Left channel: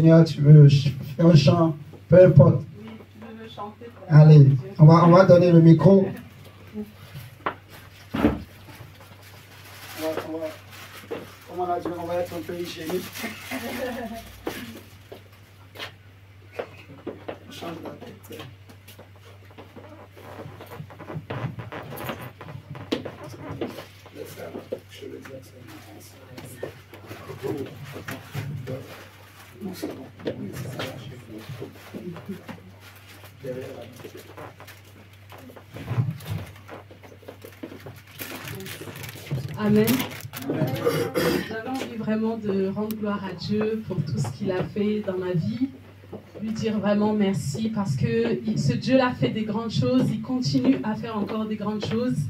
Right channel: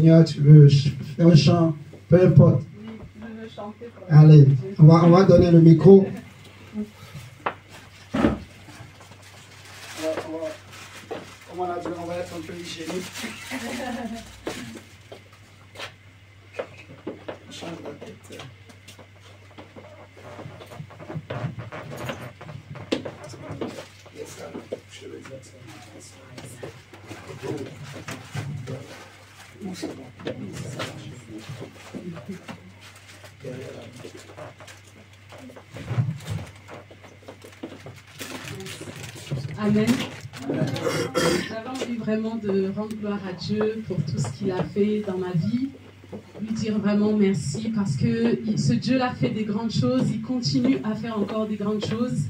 Seigneur, tu veux faire un chant, peu importe. Oui, tu veux le chanter pour la Allez, gloire de Dieu. on va donner le micro. Comment on a dit, on va être un peu hygiénique. On change la tête. Je veux dire ça. C'est bon. Ça marche. Derrière la Amen. J'avais envie vraiment de rendre gloire à Dieu pour tout ce qu'il a fait dans ma vie. Lui dire vraiment merci parce que ce Dieu-là fait des grandes choses. Il continue à faire encore des grandes choses.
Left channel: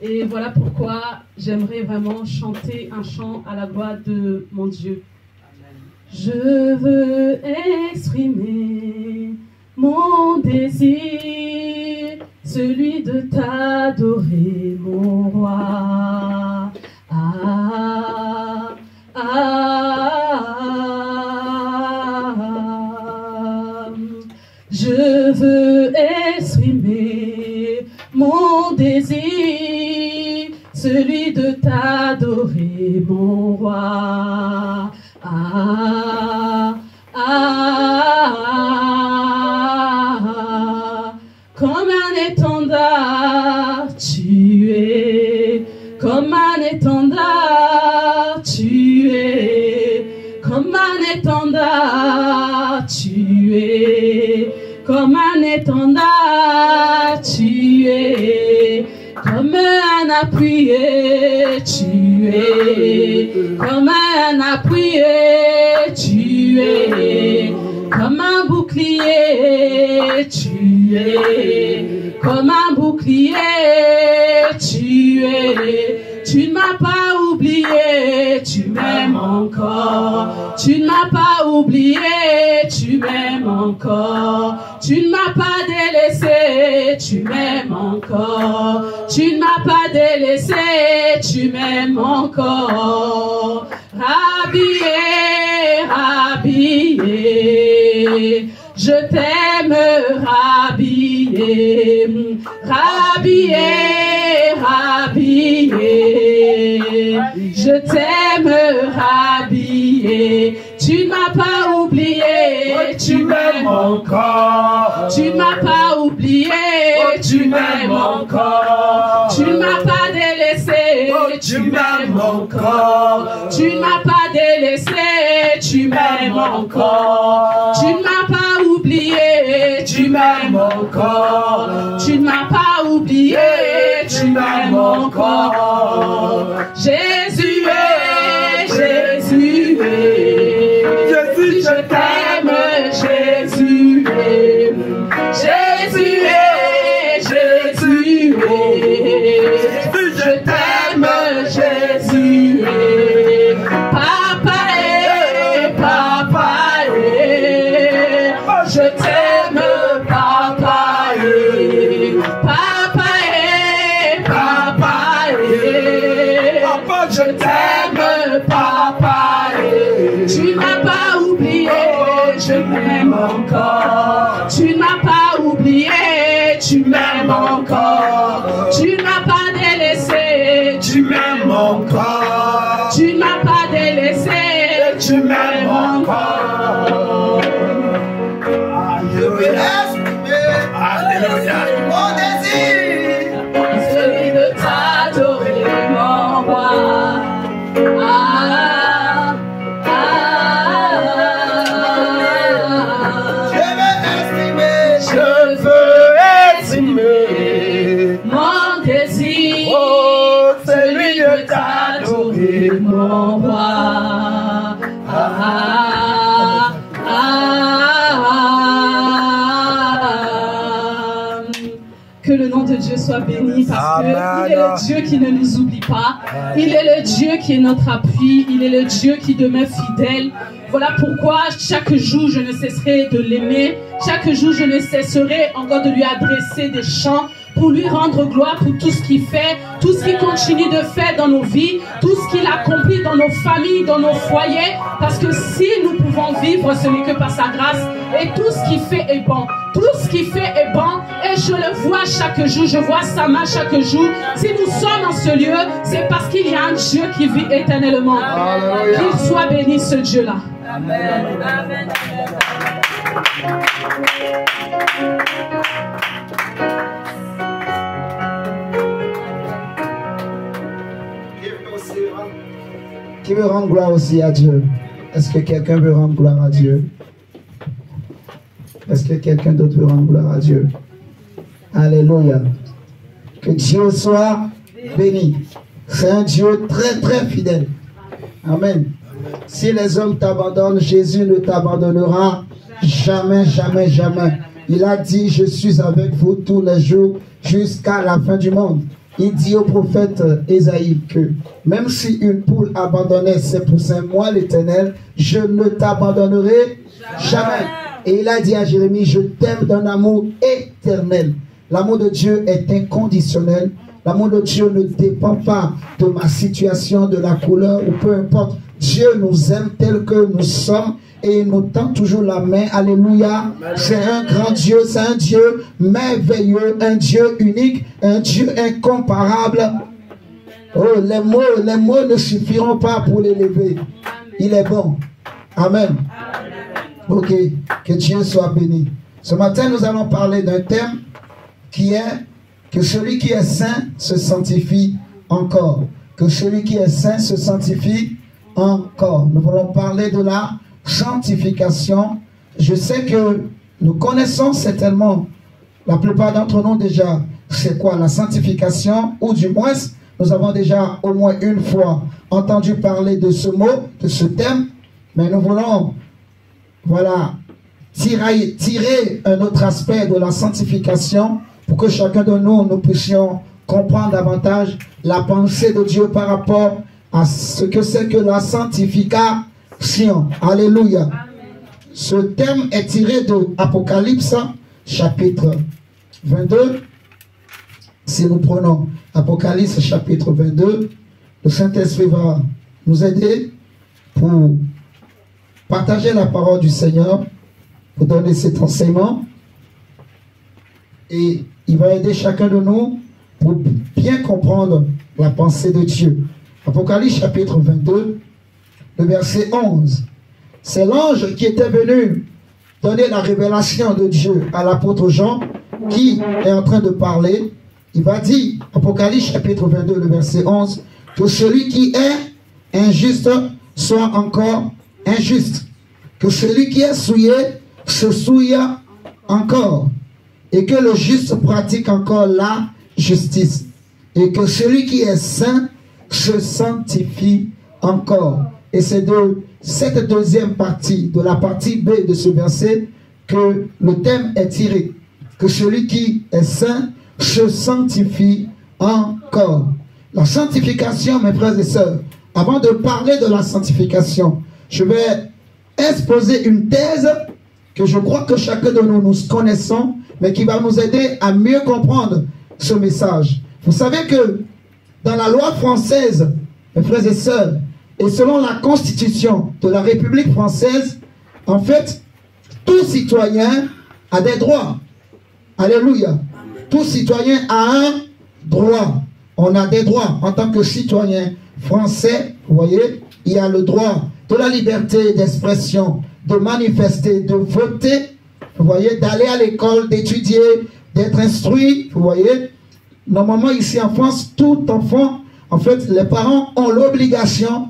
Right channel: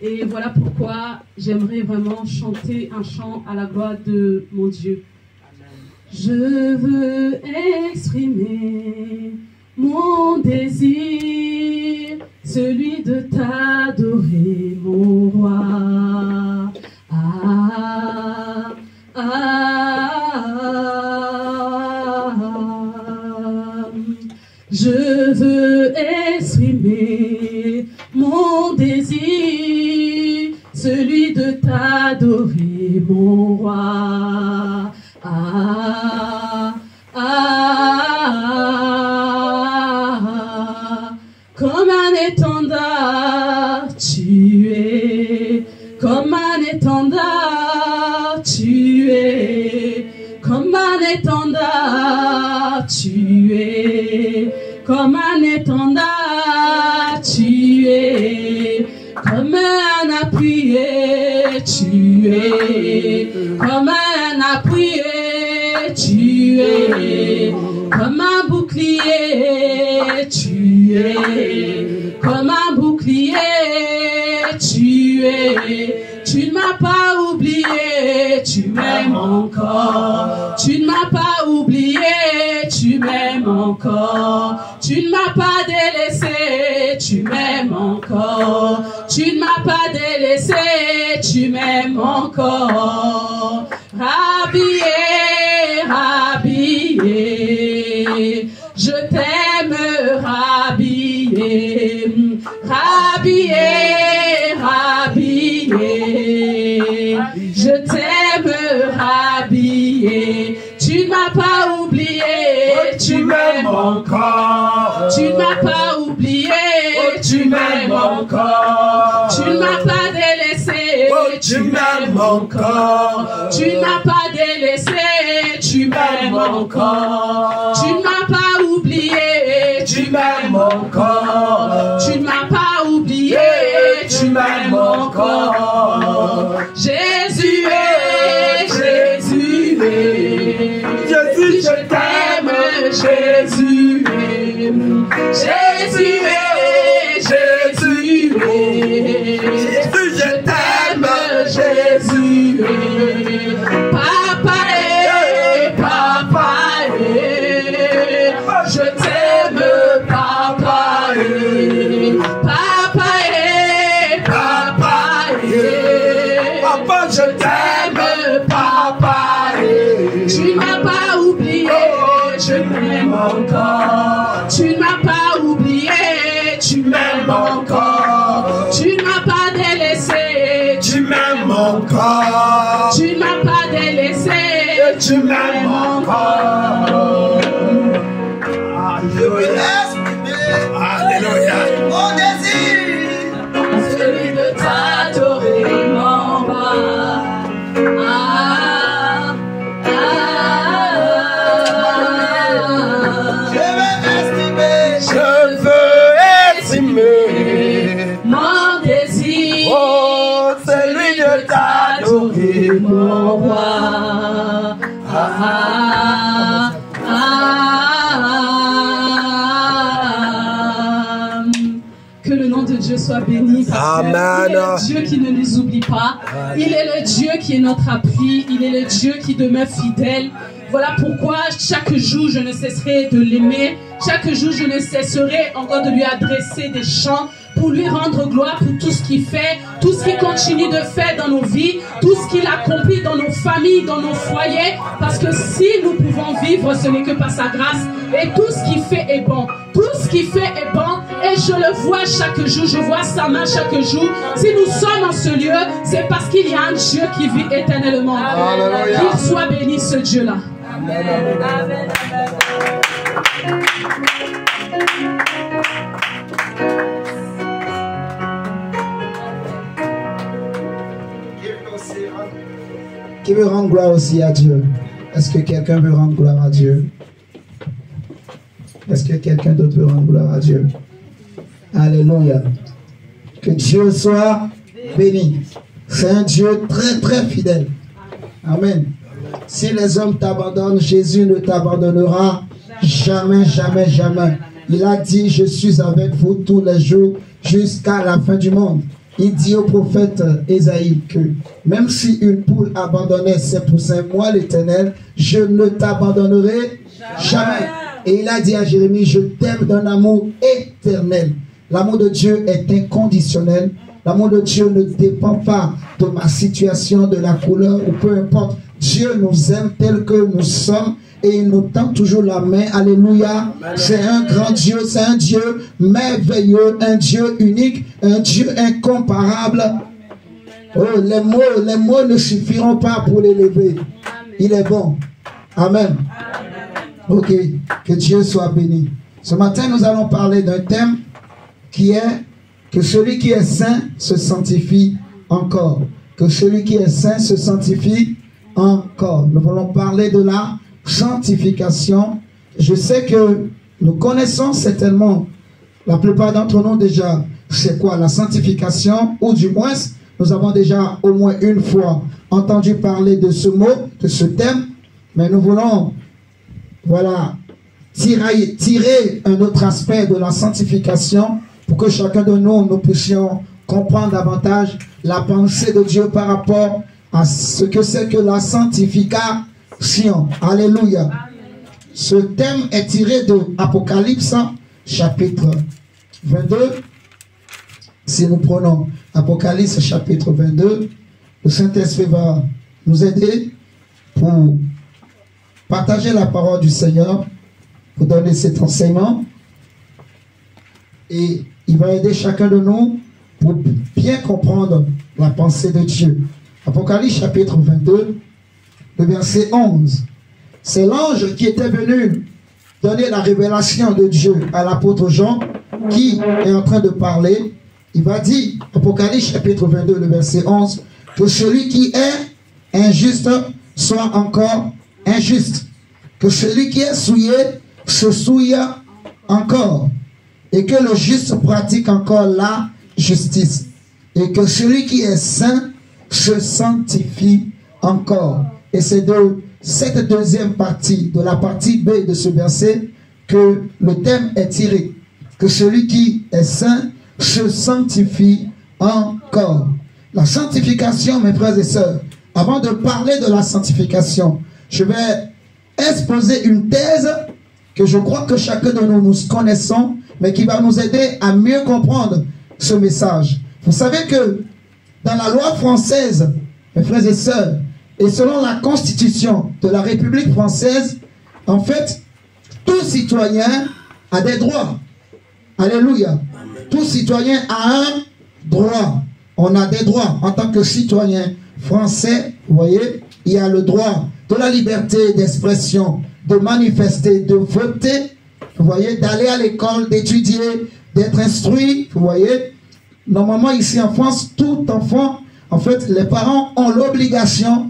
Et voilà pourquoi j'aimerais vraiment chanter un chant à la gloire de mon Dieu. Je veux exprimer mon désir, celui de t'adorer, mon roi. Ah, ah, je veux exprimer mon désir, celui de t'adorer, mon roi. Ah, ah, comme un étendard, tu es, comme un étendard, tu es, comme un étendard, tu es, comme un étendard, tu es, comme un appuyé, tu es, comme un appuyé, tu es, comme un bouclier, tu es, comme un bouclier, tu es, tu ne m'as pas oublié, tu m'aimes encore, tu ne m'as pas oublié, tu m'aimes encore, tu ne m'as pas délaissé, tu m'aimes encore, tu ne m'as pas délaissé, tu m'aimes encore. Rhabillé, rhabillé, je t'aime, rhabillé, rhabillé, rhabillé, je t'aime, rhabillé, tu ne m'as pas oublié, tu m'aimes encore, tu ne m'as pas oublié, tu m'aimes encore, tu ne m'as pas délaissé, tu m'aimes encore, tu ne m'as pas délaissé, tu m'aimes encore, tu ne m'as pas oublié, tu m'aimes encore, tu ne m'as pas oublié, tu m'aimes encore. Jésus est, Jésus est, Jésus je t'aime, Jésus est, Jésus est, Jésus est, je t'aime, Jésus est, papa est, je t'aime, papa est, papa, je t'aime, papa est, tu ne m'as pas oublié, je m'aime encore, tu ne m'as pas oublié, tu m'aimes encore, tu ne m'as pas délaissé, tu m'aimes encore, tu ne m'as pas délaissé, tu m'aimes encore. Alléluia. Mon désir, celui de t'adorer, mon roi. Ah, je veux estimer mon désir, oh, celui de t'adorer, mon roi. Que le nom de Dieu soit béni parce qu'il est le Dieu qui ne nous oublie pas. Il est le Dieu qui est notre appui. Il est le Dieu qui demeure fidèle. Voilà pourquoi chaque jour je ne cesserai de l'aimer. Chaque jour je ne cesserai encore de lui adresser des chants pour pour lui rendre gloire pour tout ce qu'il fait, tout ce qu'il continue de faire dans nos vies, tout ce qu'il accomplit dans nos familles, dans nos foyers, parce que si nous pouvons vivre, ce n'est que par sa grâce, et tout ce qu'il fait est bon. Tout ce qu'il fait est bon, et je le vois chaque jour, je vois sa main chaque jour. Si nous sommes en ce lieu, c'est parce qu'il y a un Dieu qui vit éternellement. Qu'il soit béni ce Dieu-là. Amen. Amen. Qui veut rendre gloire aussi à Dieu? Est-ce que quelqu'un veut rendre gloire à Dieu? Est-ce que quelqu'un d'autre veut rendre gloire à Dieu? Alléluia. Que Dieu soit béni. C'est un Dieu très très fidèle. Amen. Si les hommes t'abandonnent, Jésus ne t'abandonnera jamais, jamais, jamais. Il a dit, je suis avec vous tous les jours jusqu'à la fin du monde. Il dit au prophète Ésaïe que même si une poule abandonnait ses poussins, moi l'Éternel, je ne t'abandonnerai jamais. Et il a dit à Jérémie, je t'aime d'un amour éternel. L'amour de Dieu est inconditionnel. L'amour de Dieu ne dépend pas de ma situation, de la couleur ou peu importe. Dieu nous aime tel que nous sommes et il nous tend toujours la main. Alléluia. C'est un grand Dieu, c'est un Dieu merveilleux, un Dieu unique, un Dieu incomparable. Oh, les mots ne suffiront pas pour l'élever. Il est bon. Amen. Ok, que Dieu soit béni. Ce matin, nous allons parler d'un thème qui est que celui qui est saint se sanctifie encore. Que celui qui est saint se sanctifie encore. Nous voulons parler de la sanctification. Je sais que nous connaissons certainement, la plupart d'entre nous déjà, c'est quoi la sanctification, ou du moins, nous avons déjà au moins une fois entendu parler de ce mot, de ce thème, mais nous voulons, voilà, tirer un autre aspect de la sanctification pour que chacun de nous puissions comprendre davantage la pensée de Dieu par rapport à ce que c'est que la sanctification. Alléluia. Ce thème est tiré de Apocalypse chapitre 22. Si nous prenons Apocalypse chapitre 22, le Saint-Esprit va nous aider pour partager la parole du Seigneur, pour donner cet enseignement. Et il va aider chacun de nous pour bien comprendre la pensée de Dieu. Apocalypse chapitre 22, le verset 11. C'est l'ange qui était venu donner la révélation de Dieu à l'apôtre Jean, qui est en train de parler. Il va dire, Apocalypse chapitre 22, le verset 11, que celui qui est injuste soit encore injuste. Que celui qui est souillé se souille encore. Et que le juste pratique encore la justice. Et que celui qui est saint se sanctifie encore. Et c'est de cette deuxième partie, de la partie B de ce verset, que le thème est tiré. Que celui qui est saint se sanctifie encore. La sanctification, mes frères et sœurs, avant de parler de la sanctification, je vais exposer une thèse que je crois que chacun de nous connaissons, mais qui va nous aider à mieux comprendre ce message. Vous savez que dans la loi française, mes frères et sœurs, et selon la Constitution de la République française, en fait, tout citoyen a des droits. Alléluia. Tout citoyen a un droit. On a des droits en tant que citoyen français. Vous voyez, il y a le droit de la liberté d'expression, de manifester, de voter. Vous voyez, d'aller à l'école, d'étudier, d'être instruit. Vous voyez, normalement ici en France, tout enfant, en fait, les parents ont l'obligation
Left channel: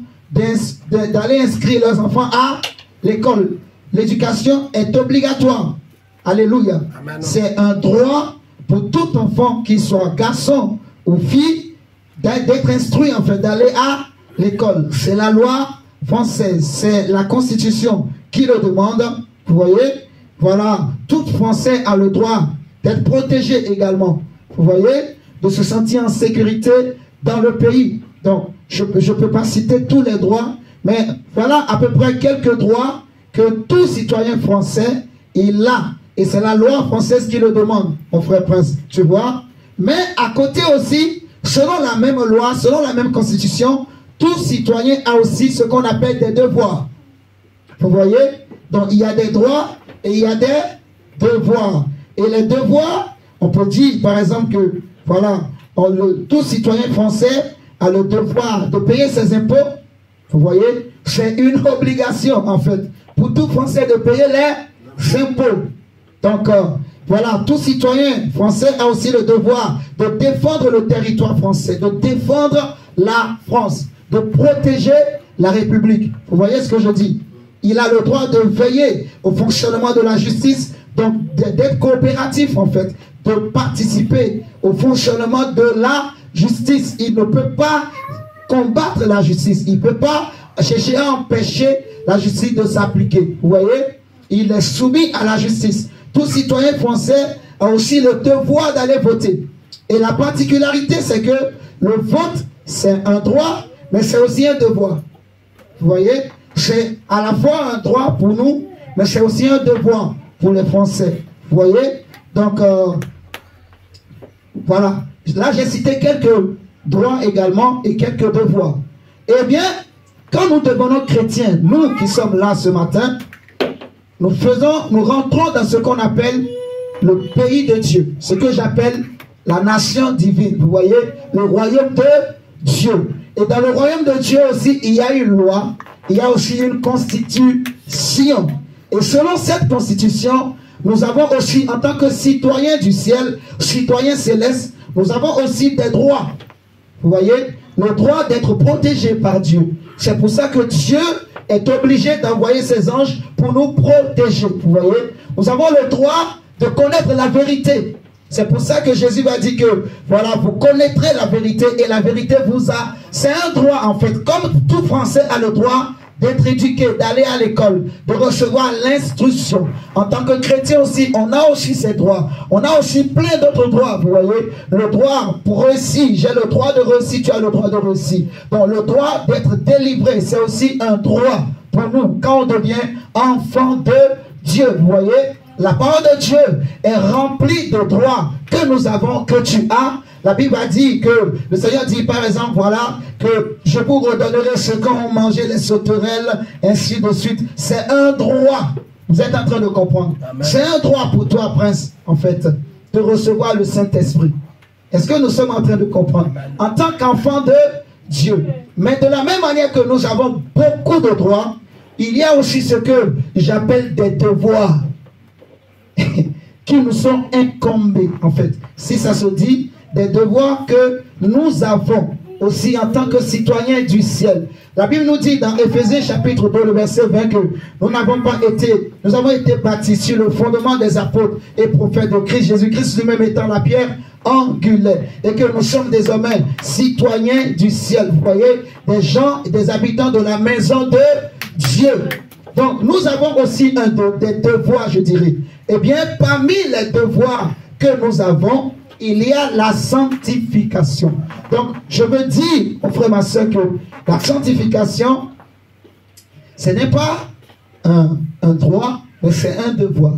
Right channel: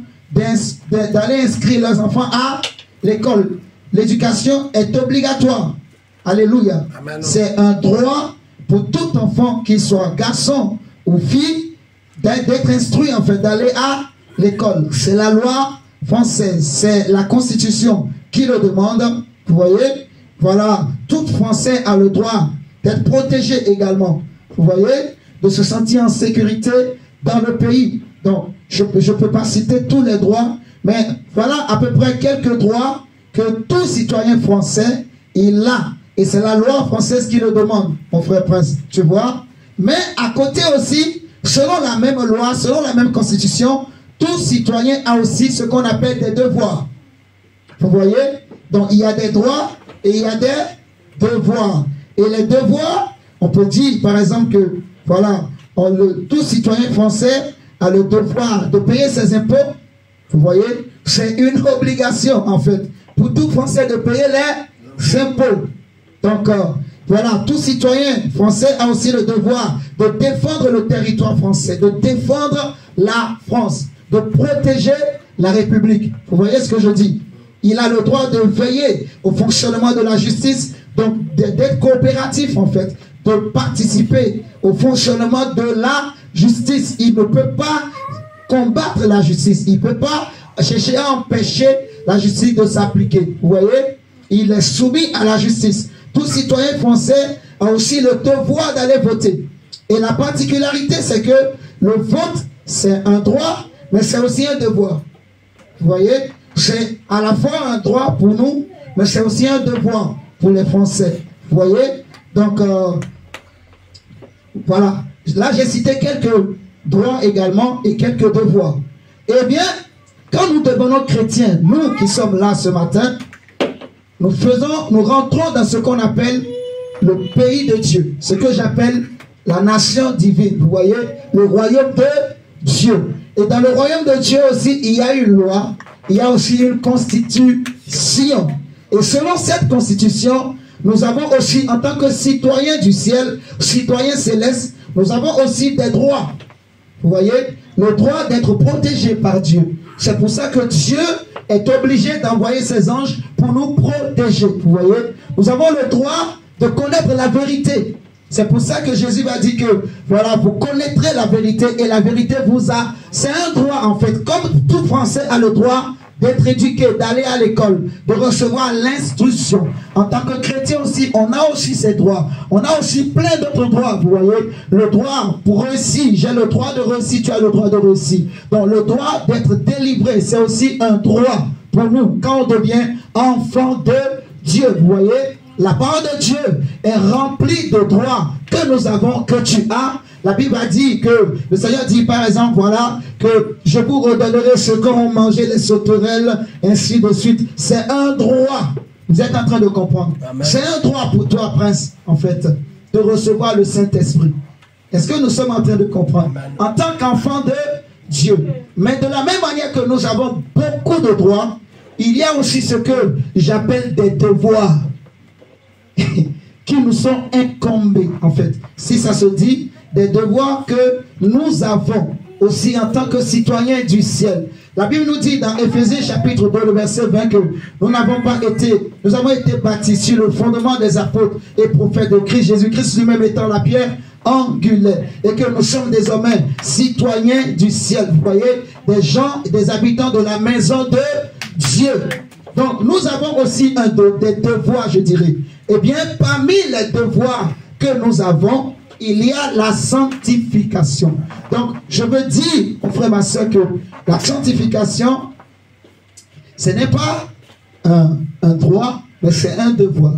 d'aller inscrire leurs enfants à l'école. L'éducation est obligatoire. Alléluia. C'est un droit pour tout enfant, qu'il soit garçon ou fille, d'être instruit, en fait, d'aller à l'école. C'est la loi française, c'est la Constitution qui le demande. Vous voyez, voilà, tout Français a le droit d'être protégé également. Vous voyez, de se sentir en sécurité dans le pays. Donc, je ne peux pas citer tous les droits, mais voilà à peu près quelques droits que tout citoyen français, il a. Et c'est la loi française qui le demande, mon frère Prince. Tu vois, Mais à côté aussi, selon la même loi, selon la même constitution, tout citoyen a aussi ce qu'on appelle des devoirs. Vous voyez? Donc il y a des droits et il y a des devoirs. Et les devoirs, on peut dire par exemple que voilà, tout citoyen français a le devoir de payer ses impôts. Vous voyez? C'est une obligation en fait pour tout Français de payer les impôts. Donc voilà, tout citoyen français a aussi le devoir de défendre le territoire français, de défendre la France, de protéger la République. Vous voyez ce que je dis? Il a le droit de veiller au fonctionnement de la justice, donc d'être coopératif en fait, de participer au fonctionnement de la justice. Il ne peut pas combattre la justice, il ne peut pas chercher à empêcher la justice de s'appliquer. Vous voyez? Il est soumis à la justice. Tout citoyen français a aussi le devoir d'aller voter. Et la particularité, c'est que le vote, c'est un droit, mais c'est aussi un devoir. Vous voyez? C'est à la fois un droit pour nous, mais c'est aussi un devoir pour les Français. Vous voyez? Donc, voilà. Là, j'ai cité quelques droits également et quelques devoirs. Eh bien, quand nous devenons chrétiens, nous qui sommes là ce matin, nous rentrons dans ce qu'on appelle le pays de Dieu, ce que j'appelle la nation divine. Vous voyez, le royaume de Dieu. Et dans le royaume de Dieu aussi, il y a une loi, il y a aussi une constitution. Et selon cette constitution, nous avons aussi, en tant que citoyens du ciel, citoyens célestes, nous avons aussi des droits. Vous voyez, le droit d'être protégé par Dieu. C'est pour ça que Dieu est obligé d'envoyer ses anges pour nous protéger. Vous voyez, nous avons le droit de connaître la vérité. C'est pour ça que Jésus va dire que, voilà, vous connaîtrez la vérité et la vérité vous a... C'est un droit en fait, comme tout Français a le droit d'être éduqué, d'aller à l'école, de recevoir l'instruction. En tant que chrétien aussi, on a aussi ces droits. On a aussi plein d'autres droits, vous voyez. Le droit pour réussir, j'ai le droit de réussir, tu as le droit de réussir. Donc le droit d'être délivré, c'est aussi un droit pour nous quand on devient enfant de Dieu, vous voyez. La parole de Dieu est remplie de droits que nous avons, que tu as. La Bible a dit que, le Seigneur dit par exemple, voilà, que je vous redonnerai ce qu'ont mangé les sauterelles, ainsi de suite. C'est un droit. Vous êtes en train de comprendre. C'est un droit pour toi, prince, en fait, de recevoir le Saint-Esprit. Est-ce que nous sommes en train de comprendre? En tant qu'enfant de Dieu. Mais de la même manière que nous avons beaucoup de droits, il y a aussi ce que j'appelle des devoirs qui nous sont incombés, en fait. Si ça se dit, des devoirs que nous avons aussi en tant que citoyens du ciel. La Bible nous dit dans Éphésiens chapitre 2, le verset 20 que nous avons été bâtis sur le fondement des apôtres et prophètes de Christ, Jésus-Christ lui-même étant la pierre angulaire, et que nous sommes désormais citoyens du ciel. Vous voyez, des gens, des habitants de la maison de Dieu. Donc nous avons aussi des devoirs, je dirais. Eh bien, parmi les devoirs que nous avons, il y a la sanctification. Donc, je veux dire, mon frère, ma soeur, que la sanctification, ce n'est pas un droit, mais c'est un devoir.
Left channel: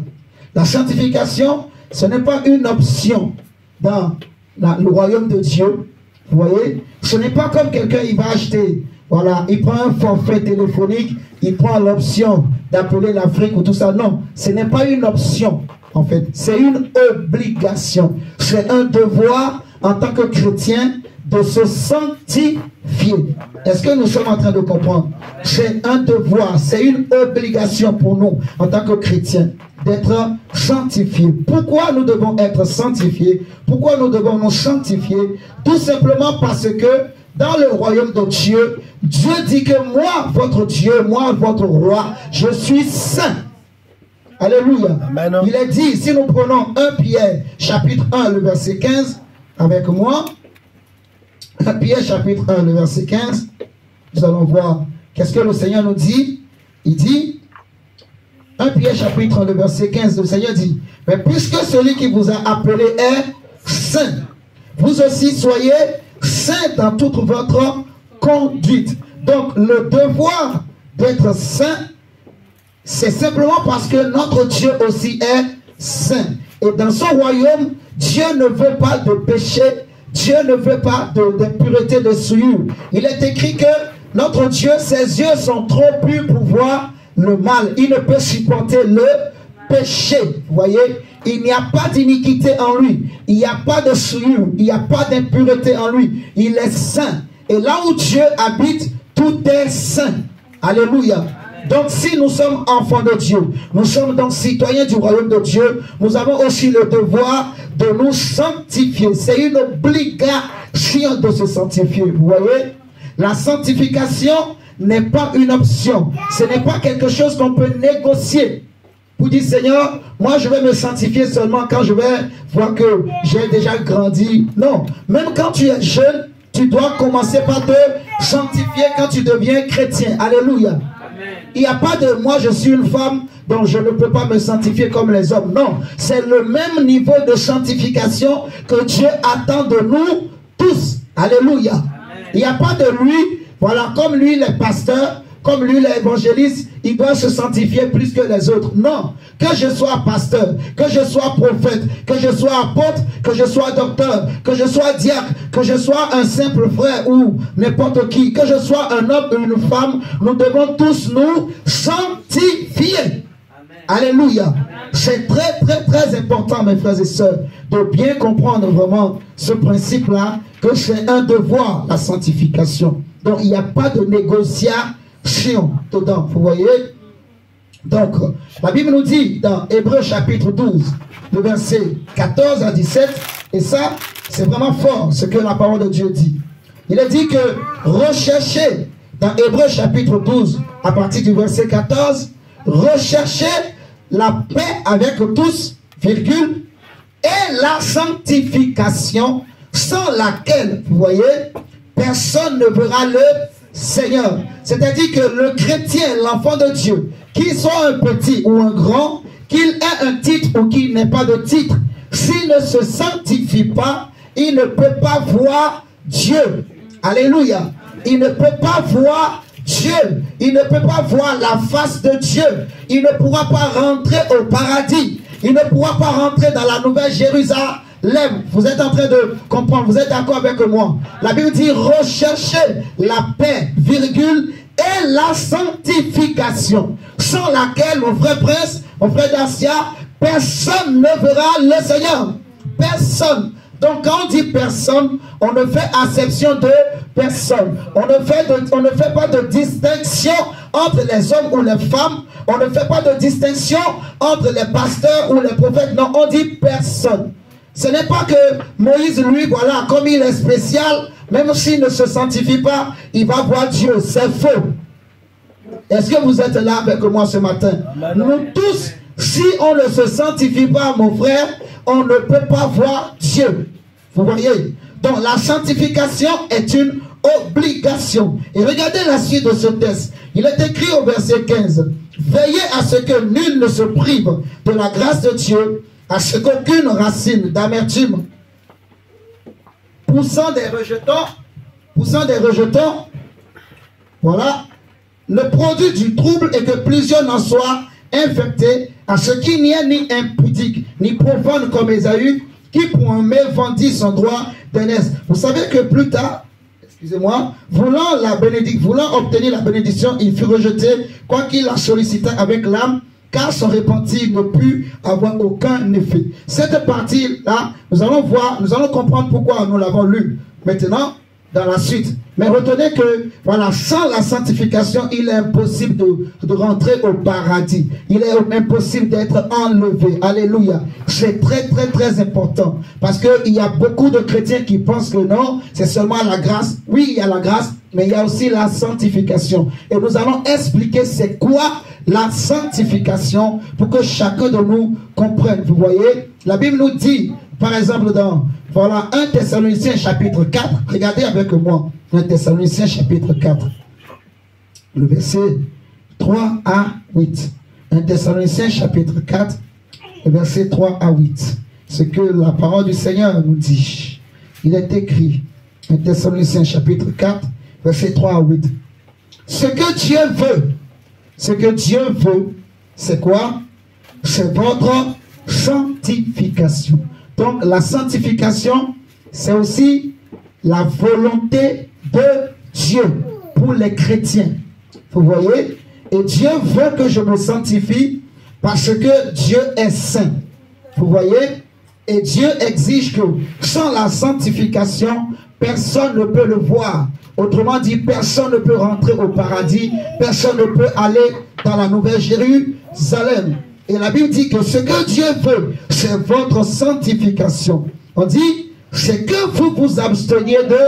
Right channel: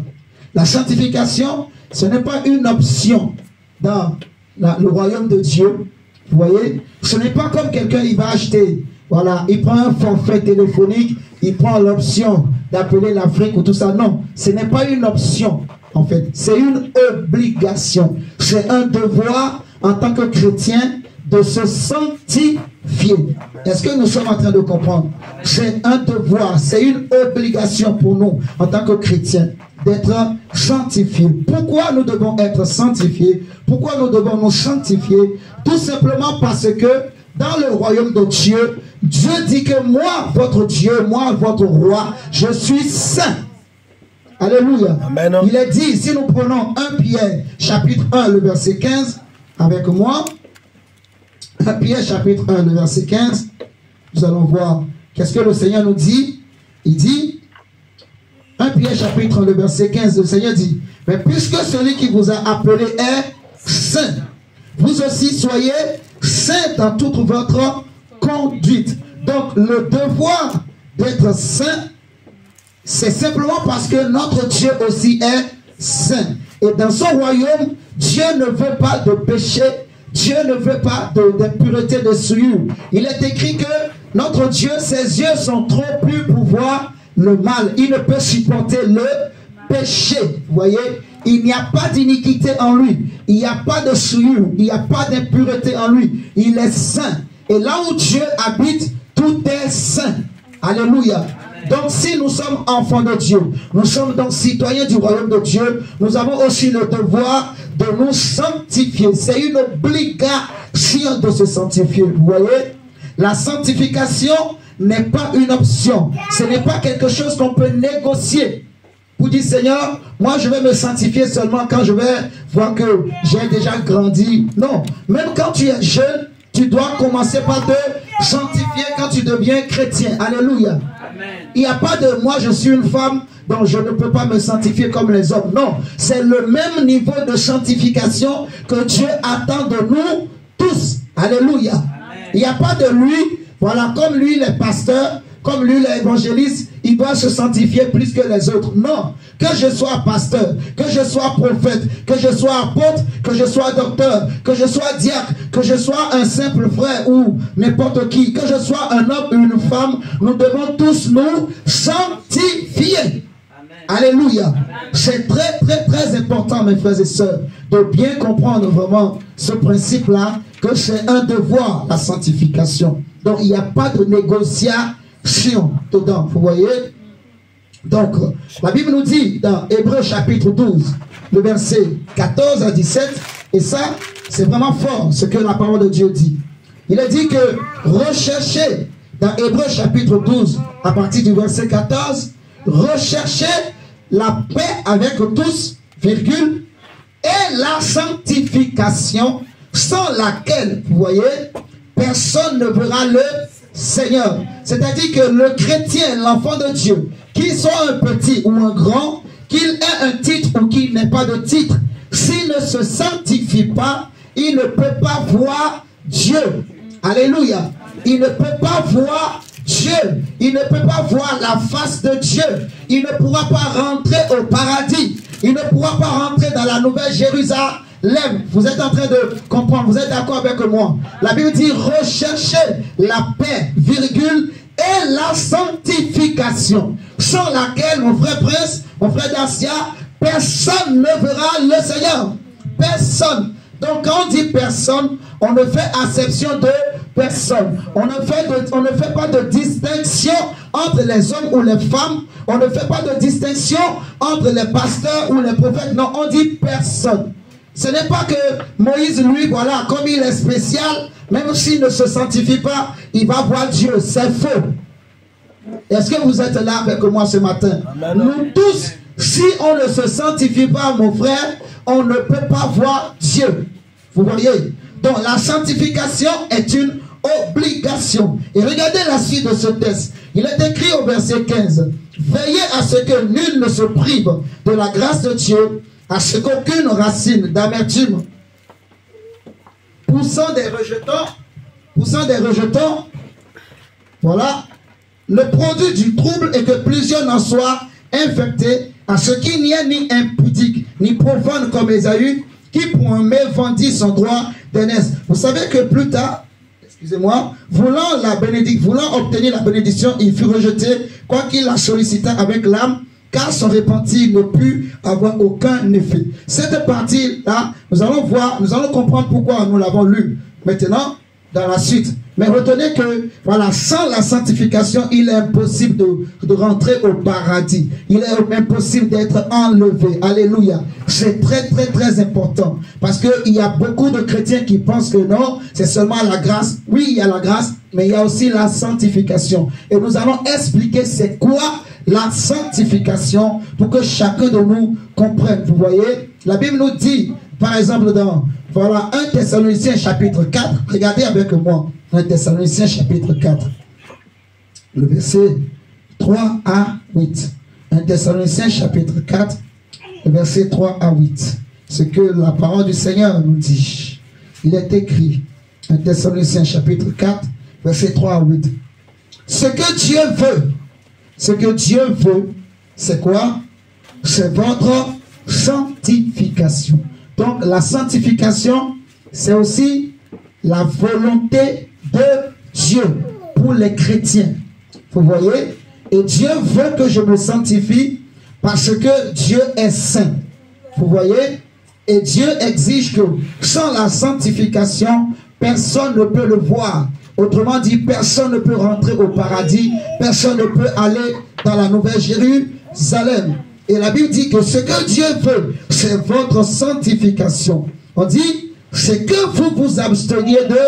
La sanctification, ce n'est pas une option dans le royaume de Dieu. Vous voyez, ce n'est pas comme quelqu'un, il va acheter, voilà, il prend un forfait téléphonique, il prend l'option d'appeler l'Afrique ou tout ça. Non, ce n'est pas une option. En fait, c'est une obligation. C'est un devoir en tant que chrétien de se sanctifier. Est-ce que nous sommes en train de comprendre? C'est un devoir, c'est une obligation pour nous en tant que chrétiens d'être sanctifiés. Pourquoi nous devons être sanctifiés? Pourquoi nous devons nous sanctifier? Tout simplement parce que dans le royaume de Dieu, Dieu dit que moi, votre Dieu, moi, votre roi, je suis saint. Alléluia. Amen. Il est dit, si nous prenons 1 Pierre chapitre 1, le verset 15, avec moi, 1 Pierre chapitre 1, le verset 15, nous allons voir qu'est-ce que le Seigneur nous dit. Il dit, 1 Pierre chapitre 1, le verset 15, le Seigneur dit, mais puisque celui qui vous a appelé est saint, vous aussi soyez saint dans toute votre conduite. Donc le devoir d'être saint, c'est simplement parce que notre Dieu aussi est saint. Et dans son royaume, Dieu ne veut pas de péché, Dieu ne veut pas d'impureté, de souillure. Il est écrit que notre Dieu, ses yeux sont trop purs pour voir le mal. Il ne peut supporter le péché. Vous voyez, il n'y a pas d'iniquité en lui. Il n'y a pas de souillure. Il n'y a pas d'impureté en lui. Il est saint. Et là où Dieu habite, tout est saint. Alléluia. Donc si nous sommes enfants de Dieu, nous sommes donc citoyens du royaume de Dieu, nous avons aussi le devoir de nous sanctifier. C'est une obligation de se sanctifier. Vous voyez, la sanctification n'est pas une option. Ce n'est pas quelque chose qu'on peut négocier. Vous dites, Seigneur, moi je vais me sanctifier seulement quand je vais voir que j'ai déjà grandi. Non, même quand tu es jeune, tu dois commencer par te sanctifier quand tu deviens chrétien. Alléluia. Il n'y a pas de moi je suis une femme donc je ne peux pas me sanctifier comme les hommes. Non, c'est le même niveau de sanctification que Dieu attend de nous tous. Alléluia. Amen. Il n'y a pas de lui, voilà, comme lui les pasteurs, comme lui l'évangéliste, il doit se sanctifier plus que les autres. Non, que je sois pasteur, que je sois prophète, que je sois apôtre, que je sois docteur, que je sois diacre, que je sois un simple frère ou n'importe qui, que je sois un homme ou une femme, nous devons tous nous sanctifier. Amen. Alléluia. C'est très très très important, mes frères et sœurs, de bien comprendre vraiment ce principe-là, que c'est un devoir, la sanctification. Donc il n'y a pas de négociation dedans, vous voyez. Donc la Bible nous dit dans Hébreux chapitre 12, le verset 14 à 17, et ça c'est vraiment fort ce que la parole de Dieu dit. Il a dit que recherchez, dans Hébreux chapitre 12 à partir du verset 14, recherchez la paix avec tous, virgule, et la sanctification, sans laquelle, vous voyez, personne ne verra le Seigneur. C'est-à-dire que le chrétien, l'enfant de Dieu, qu'il soit un petit ou un grand, qu'il ait un titre ou qu'il n'ait pas de titre, s'il ne se sanctifie pas, il ne peut pas voir Dieu. Alléluia. Il ne peut pas voir Dieu. Il ne peut pas voir la face de Dieu. Il ne pourra pas rentrer au paradis. Il ne pourra pas rentrer dans la nouvelle Jérusalem. Vous êtes en train de comprendre, vous êtes d'accord avec moi. La Bible dit recherchez la paix, virgule, et la sanctification, sans laquelle, mon frère Prince, mon frère Dacia, personne ne verra le Seigneur. Personne. Donc quand on dit personne, on ne fait acception de personne. On ne fait pas de distinction entre les hommes ou les femmes. On ne fait pas de distinction entre les pasteurs ou les prophètes. Non, on dit personne. Ce n'est pas que Moïse, lui, voilà, comme il est spécial, même s'il ne se sanctifie pas, il va voir Dieu. C'est faux. Est-ce que vous êtes là avec moi ce matin? Nous tous, si on ne se sanctifie pas, mon frère, on ne peut pas voir Dieu. Vous voyez? Donc la sanctification est une obligation. Et regardez la suite de ce texte. Il est écrit au verset 15. Veillez à ce que nul ne se prive de la grâce de Dieu, à ce qu'aucune racine d'amertume poussant des rejetons, voilà, ne produit du trouble et que plusieurs n'en soient infectés, à ce qu'il n'y ait ni impudique, ni profane comme Ésaü, qui pour un mets vendit son droit d'aînesse. Vous savez que plus tard, excusez-moi, voulant obtenir la bénédiction, il fut rejeté, quoiqu'il la sollicita avec l'âme, car son repentir ne put avoir aucun effet. Cette partie-là, nous allons voir, nous allons comprendre pourquoi nous l'avons lu maintenant dans la suite. Mais retenez que, voilà, sans la sanctification, il est impossible de rentrer au paradis. Il est impossible d'être enlevé. Alléluia. C'est très, très, très important. Parce qu'il y a beaucoup de chrétiens qui pensent que non, c'est seulement la grâce. Oui, il y a la grâce, mais il y a aussi la sanctification. Et nous allons expliquer c'est quoi la sanctification pour que chacun de nous comprenne. Vous voyez, la Bible nous dit, par exemple, dans voilà, 1 Thessaloniciens chapitre 4, regardez avec moi, 1 Thessaloniciens chapitre 4, le verset 3 à 8. 1 Thessaloniciens chapitre 4, le verset 3 à 8. Ce que la parole du Seigneur nous dit. Il est écrit, 1 Thessaloniciens chapitre 4, verset 3 à 8. Ce que Dieu veut, c'est quoi? C'est votre sanctification. Donc la sanctification, c'est aussi la volonté de Dieu pour les chrétiens. Vous voyez? Et Dieu veut que je me sanctifie parce que Dieu est saint. Vous voyez? Et Dieu exige que sans la sanctification, personne ne peut le voir. Autrement dit, personne ne peut rentrer au paradis. Personne ne peut aller dans la nouvelle Jérusalem. Et la Bible dit que ce que Dieu veut, c'est votre sanctification. On dit, c'est que vous vous absteniez de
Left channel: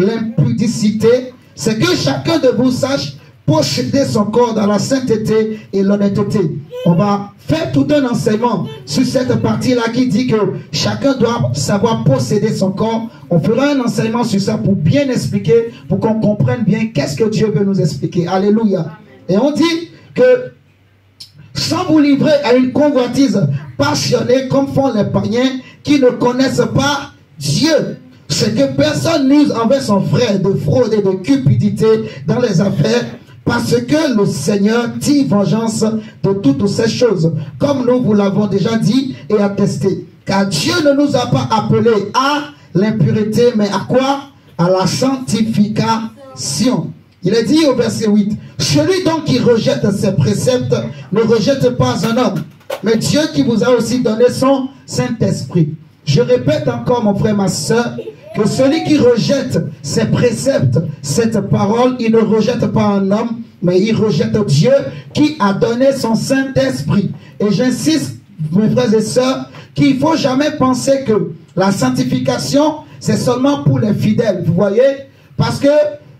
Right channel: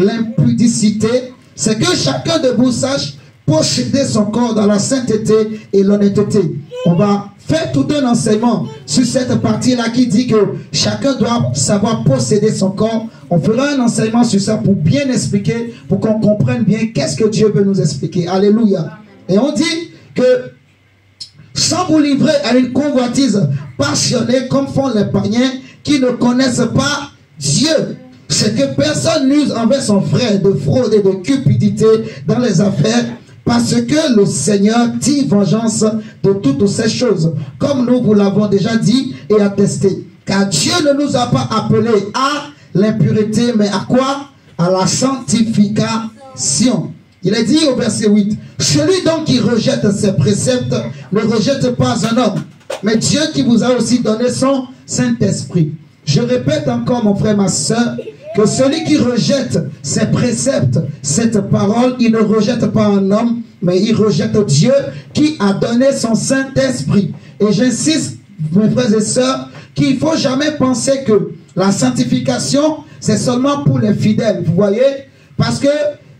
l'impudicité. C'est que chacun de vous sache posséder son corps dans la sainteté et l'honnêteté. On va faire tout un enseignement sur cette partie-là qui dit que chacun doit savoir posséder son corps. On fera un enseignement sur ça pour bien expliquer, pour qu'on comprenne bien qu'est-ce que Dieu veut nous expliquer. Alléluia. Et on dit que sans vous livrer à une convoitise passionnée comme font les païens qui ne connaissent pas Dieu. C'est que personne n'use envers son frère de fraude et de cupidité dans les affaires, parce que le Seigneur tire vengeance de toutes ces choses, comme nous vous l'avons déjà dit et attesté. Car Dieu ne nous a pas appelés à l'impureté, mais à quoi? À la sanctification. Il est dit au verset 8, celui donc qui rejette ses préceptes ne rejette pas un homme, mais Dieu qui vous a aussi donné son Saint-Esprit. Je répète encore, mon frère, ma soeur, que celui qui rejette ses préceptes, cette parole, il ne rejette pas un homme, mais il rejette Dieu qui a donné son Saint-Esprit. Et j'insiste, mes frères et sœurs, qu'il ne faut jamais penser que la sanctification, c'est seulement pour les fidèles. Vous voyez? Parce que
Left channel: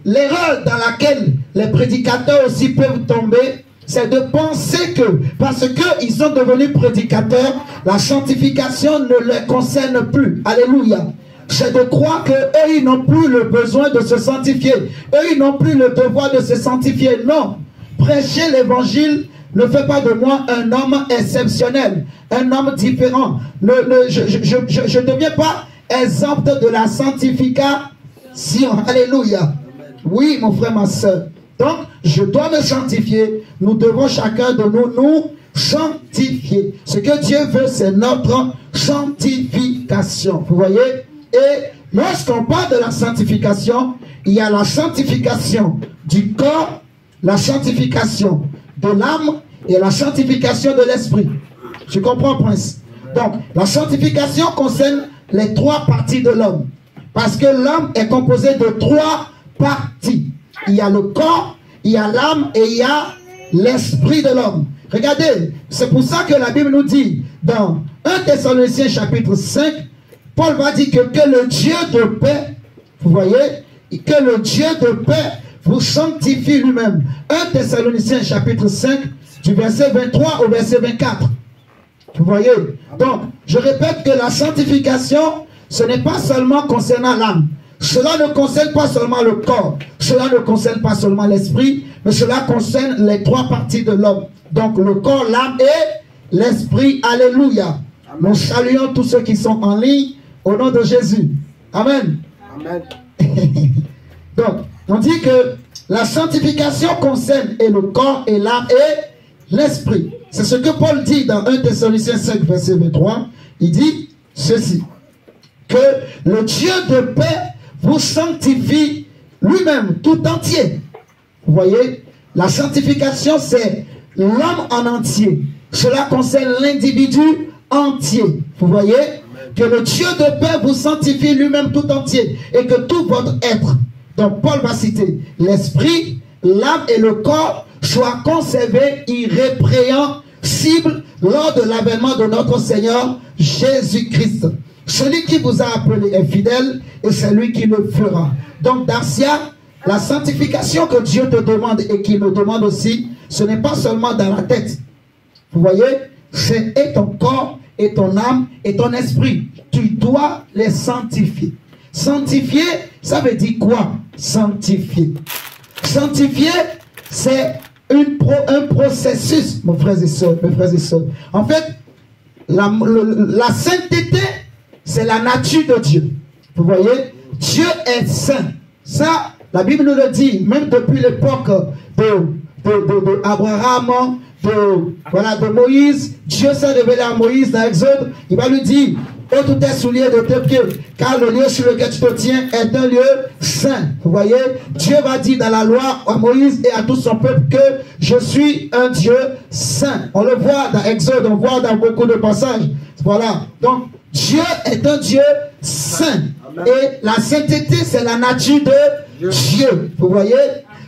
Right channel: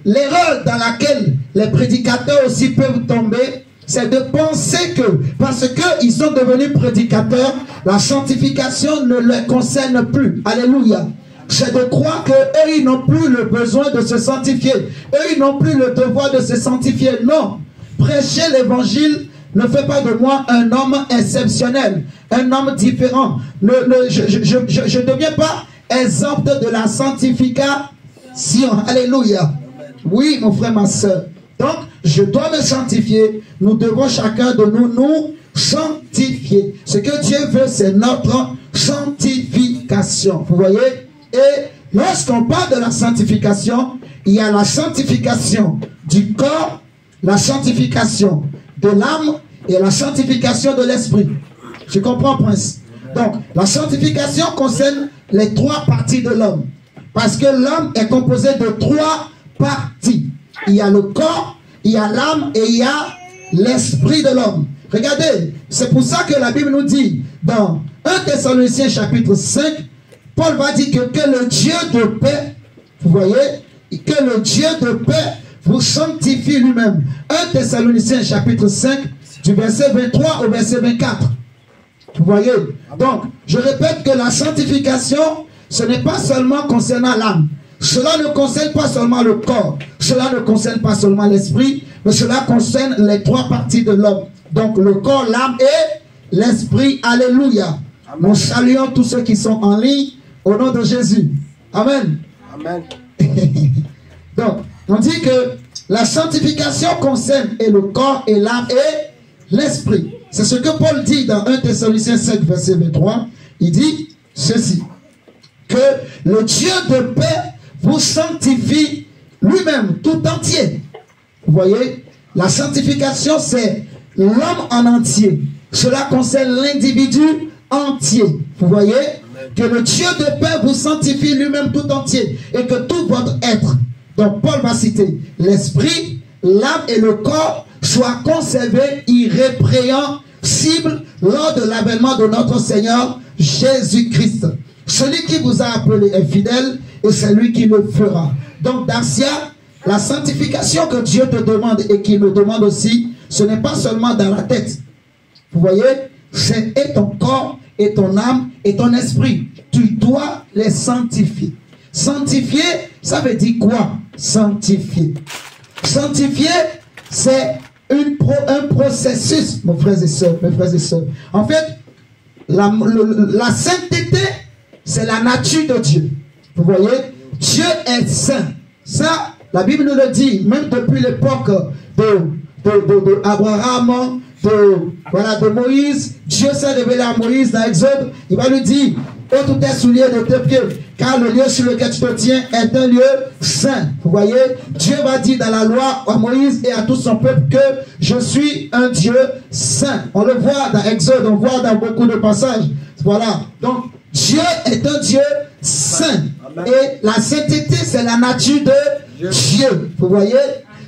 l'erreur dans laquelle les prédicateurs aussi peuvent tomber, c'est de penser que, parce qu'ils sont devenus prédicateurs, la sanctification ne les concerne plus. Alléluia. C'est de croire qu'eux, ils n'ont plus le besoin de se sanctifier. Eux, ils n'ont plus le devoir de se sanctifier. Non. Prêcher l'évangile ne fait pas de moi un homme exceptionnel, un homme différent. Je ne deviens pas exempt de la sanctification. Alléluia. Oui, mon frère, ma soeur. Donc, je dois me sanctifier. Nous devons chacun de nous sanctifier. Ce que Dieu veut, c'est notre sanctification. Vous voyez? Et lorsqu'on parle de la sanctification, il y a la sanctification du corps, la sanctification de l'âme et la sanctification de l'esprit. Je comprends, Prince. Donc, la sanctification concerne les trois parties de l'homme. Parce que l'homme est composé de trois parties. Il y a le corps, il y a l'âme et il y a l'esprit de l'homme. Regardez, c'est pour ça que la Bible nous dit dans 1 Thessaloniciens chapitre 5, Paul va dire que le Dieu de paix, vous voyez, que le Dieu de paix vous sanctifie lui-même. 1 Thessaloniciens chapitre 5, du verset 23 au verset 24. Vous voyez? Donc, je répète que la sanctification, ce n'est pas seulement concernant l'âme. Cela ne concerne pas seulement le corps. Cela ne concerne pas seulement l'esprit, mais cela concerne les trois parties de l'homme. Donc, le corps, l'âme et l'esprit. Alléluia. Nous saluons tous ceux qui sont en ligne au nom de Jésus. Amen. Amen. Donc, on dit que la sanctification concerne et le corps et l'âme et l'esprit. C'est ce que Paul dit dans 1 Thessaloniciens 5, verset 23. Il dit ceci, que le Dieu de paix vous sanctifie lui-même tout entier. Vous voyez, la sanctification, c'est l'homme en entier. Cela concerne l'individu entier. Vous voyez, que le Dieu de paix vous sanctifie lui-même tout entier et que tout votre être, donc Paul va citer, l'esprit, l'âme et le corps soient conservés irrépréhensibles lors de l'avènement de notre Seigneur Jésus-Christ. Celui qui vous a appelé est fidèle et c'est lui qui le fera. Donc, Darcia, la sanctification que Dieu te demande et qu'il me demande aussi, ce n'est pas seulement dans la tête. Vous voyez, c'est et ton corps, et ton âme, et ton esprit. Tu dois les sanctifier. Sanctifier, ça veut dire quoi? Sanctifier. Sanctifier, c'est un processus, mes frères et sœurs, En fait, la sainteté, c'est la nature de Dieu. Vous voyez, Dieu est saint. Ça, la Bible nous le dit, même depuis l'époque d'Abraham, de Moïse. Dieu s'est révélé à Moïse dans Exode. Il va lui dire, ôte tes souliers de tes pieds, car le lieu sur lequel tu te tiens est un lieu saint. Vous voyez, Dieu va dire dans la loi à Moïse et à tout son peuple que je suis un Dieu saint. On le voit dans Exode, on le voit dans beaucoup de passages. Voilà. Donc, Dieu est un Dieu saint. Et la sainteté, c'est la nature de Dieu. Vous voyez?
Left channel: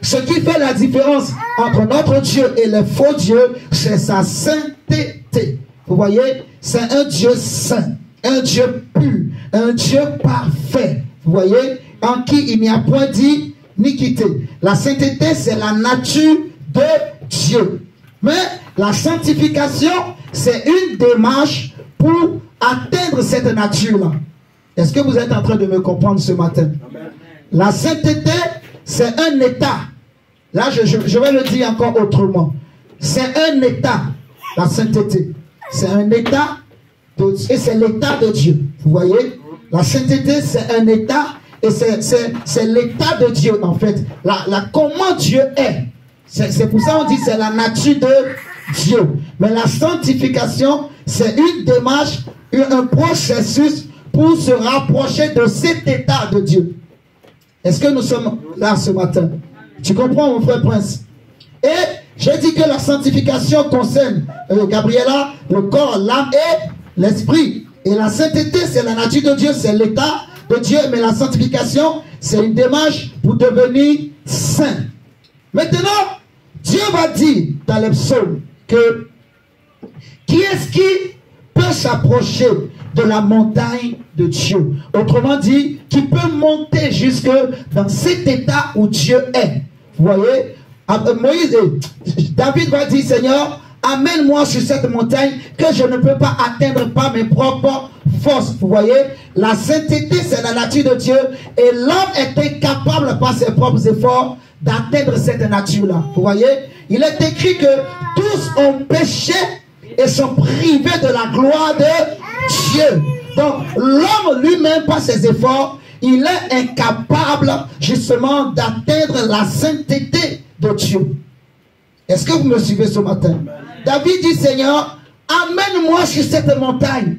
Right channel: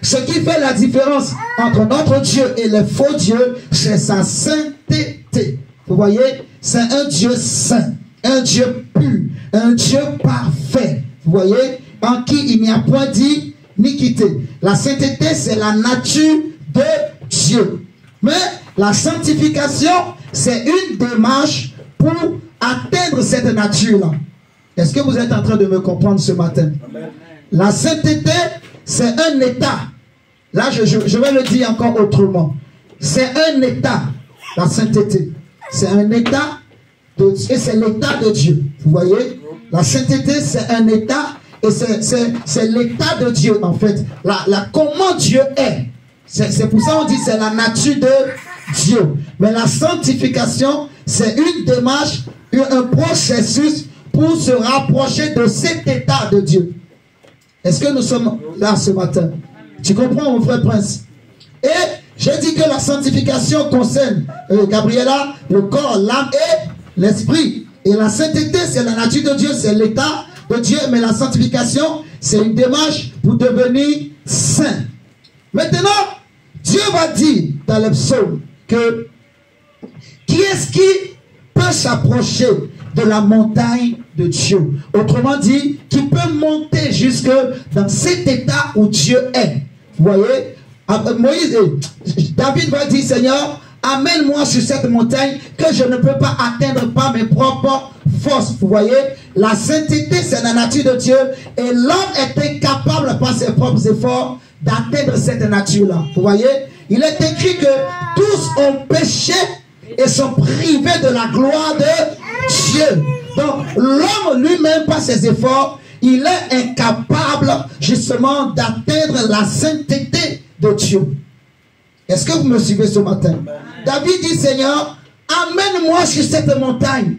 Ce qui fait la différence entre notre Dieu et les faux dieux, c'est sa sainteté. Vous voyez? C'est un Dieu saint, un Dieu pur, un Dieu parfait. Vous voyez? En qui il n'y a point d'iniquité. La sainteté, c'est la nature de Dieu. Mais la sanctification, c'est une démarche pour atteindre cette nature-là. Est-ce que vous êtes en train de me comprendre ce matin? Amen. La sainteté, c'est un état. Là, je vais le dire encore autrement. C'est un état, la sainteté. C'est un état, et c'est l'état de Dieu. Vous voyez? La sainteté, c'est un état, et c'est l'état de Dieu, en fait. Comment Dieu est. C'est pour ça qu'on dit c'est la nature de Dieu. Mais la sanctification, c'est une démarche, un processus pour se rapprocher de cet état de Dieu. Est-ce que nous sommes là ce matin? Tu comprends, mon frère Prince? Et j'ai dit que la sanctification concerne, Gabriela, le corps, l'âme et l'esprit. Et la sainteté, c'est la nature de Dieu, c'est l'état de Dieu. Mais la sanctification, c'est une démarche pour devenir saint. Maintenant, Dieu va dire dans les psaumes que qui est-ce qui peut s'approcher de la montagne de Dieu? Autrement dit, qui peut monter jusque dans cet état où Dieu est. Vous voyez, Moïse, David va dire, Seigneur, amène-moi sur cette montagne que je ne peux pas atteindre par mes propres forces. Vous voyez, la sainteté, c'est la nature de Dieu et l'homme est incapable par ses propres efforts d'atteindre cette nature-là. Vous voyez, il est écrit que tous ont péché et sont privés de la gloire de Dieu. Donc, l'homme lui-même, par ses efforts, il est incapable justement d'atteindre la sainteté de Dieu. Est-ce que vous me suivez ce matin? David dit, Seigneur, amène-moi sur cette montagne.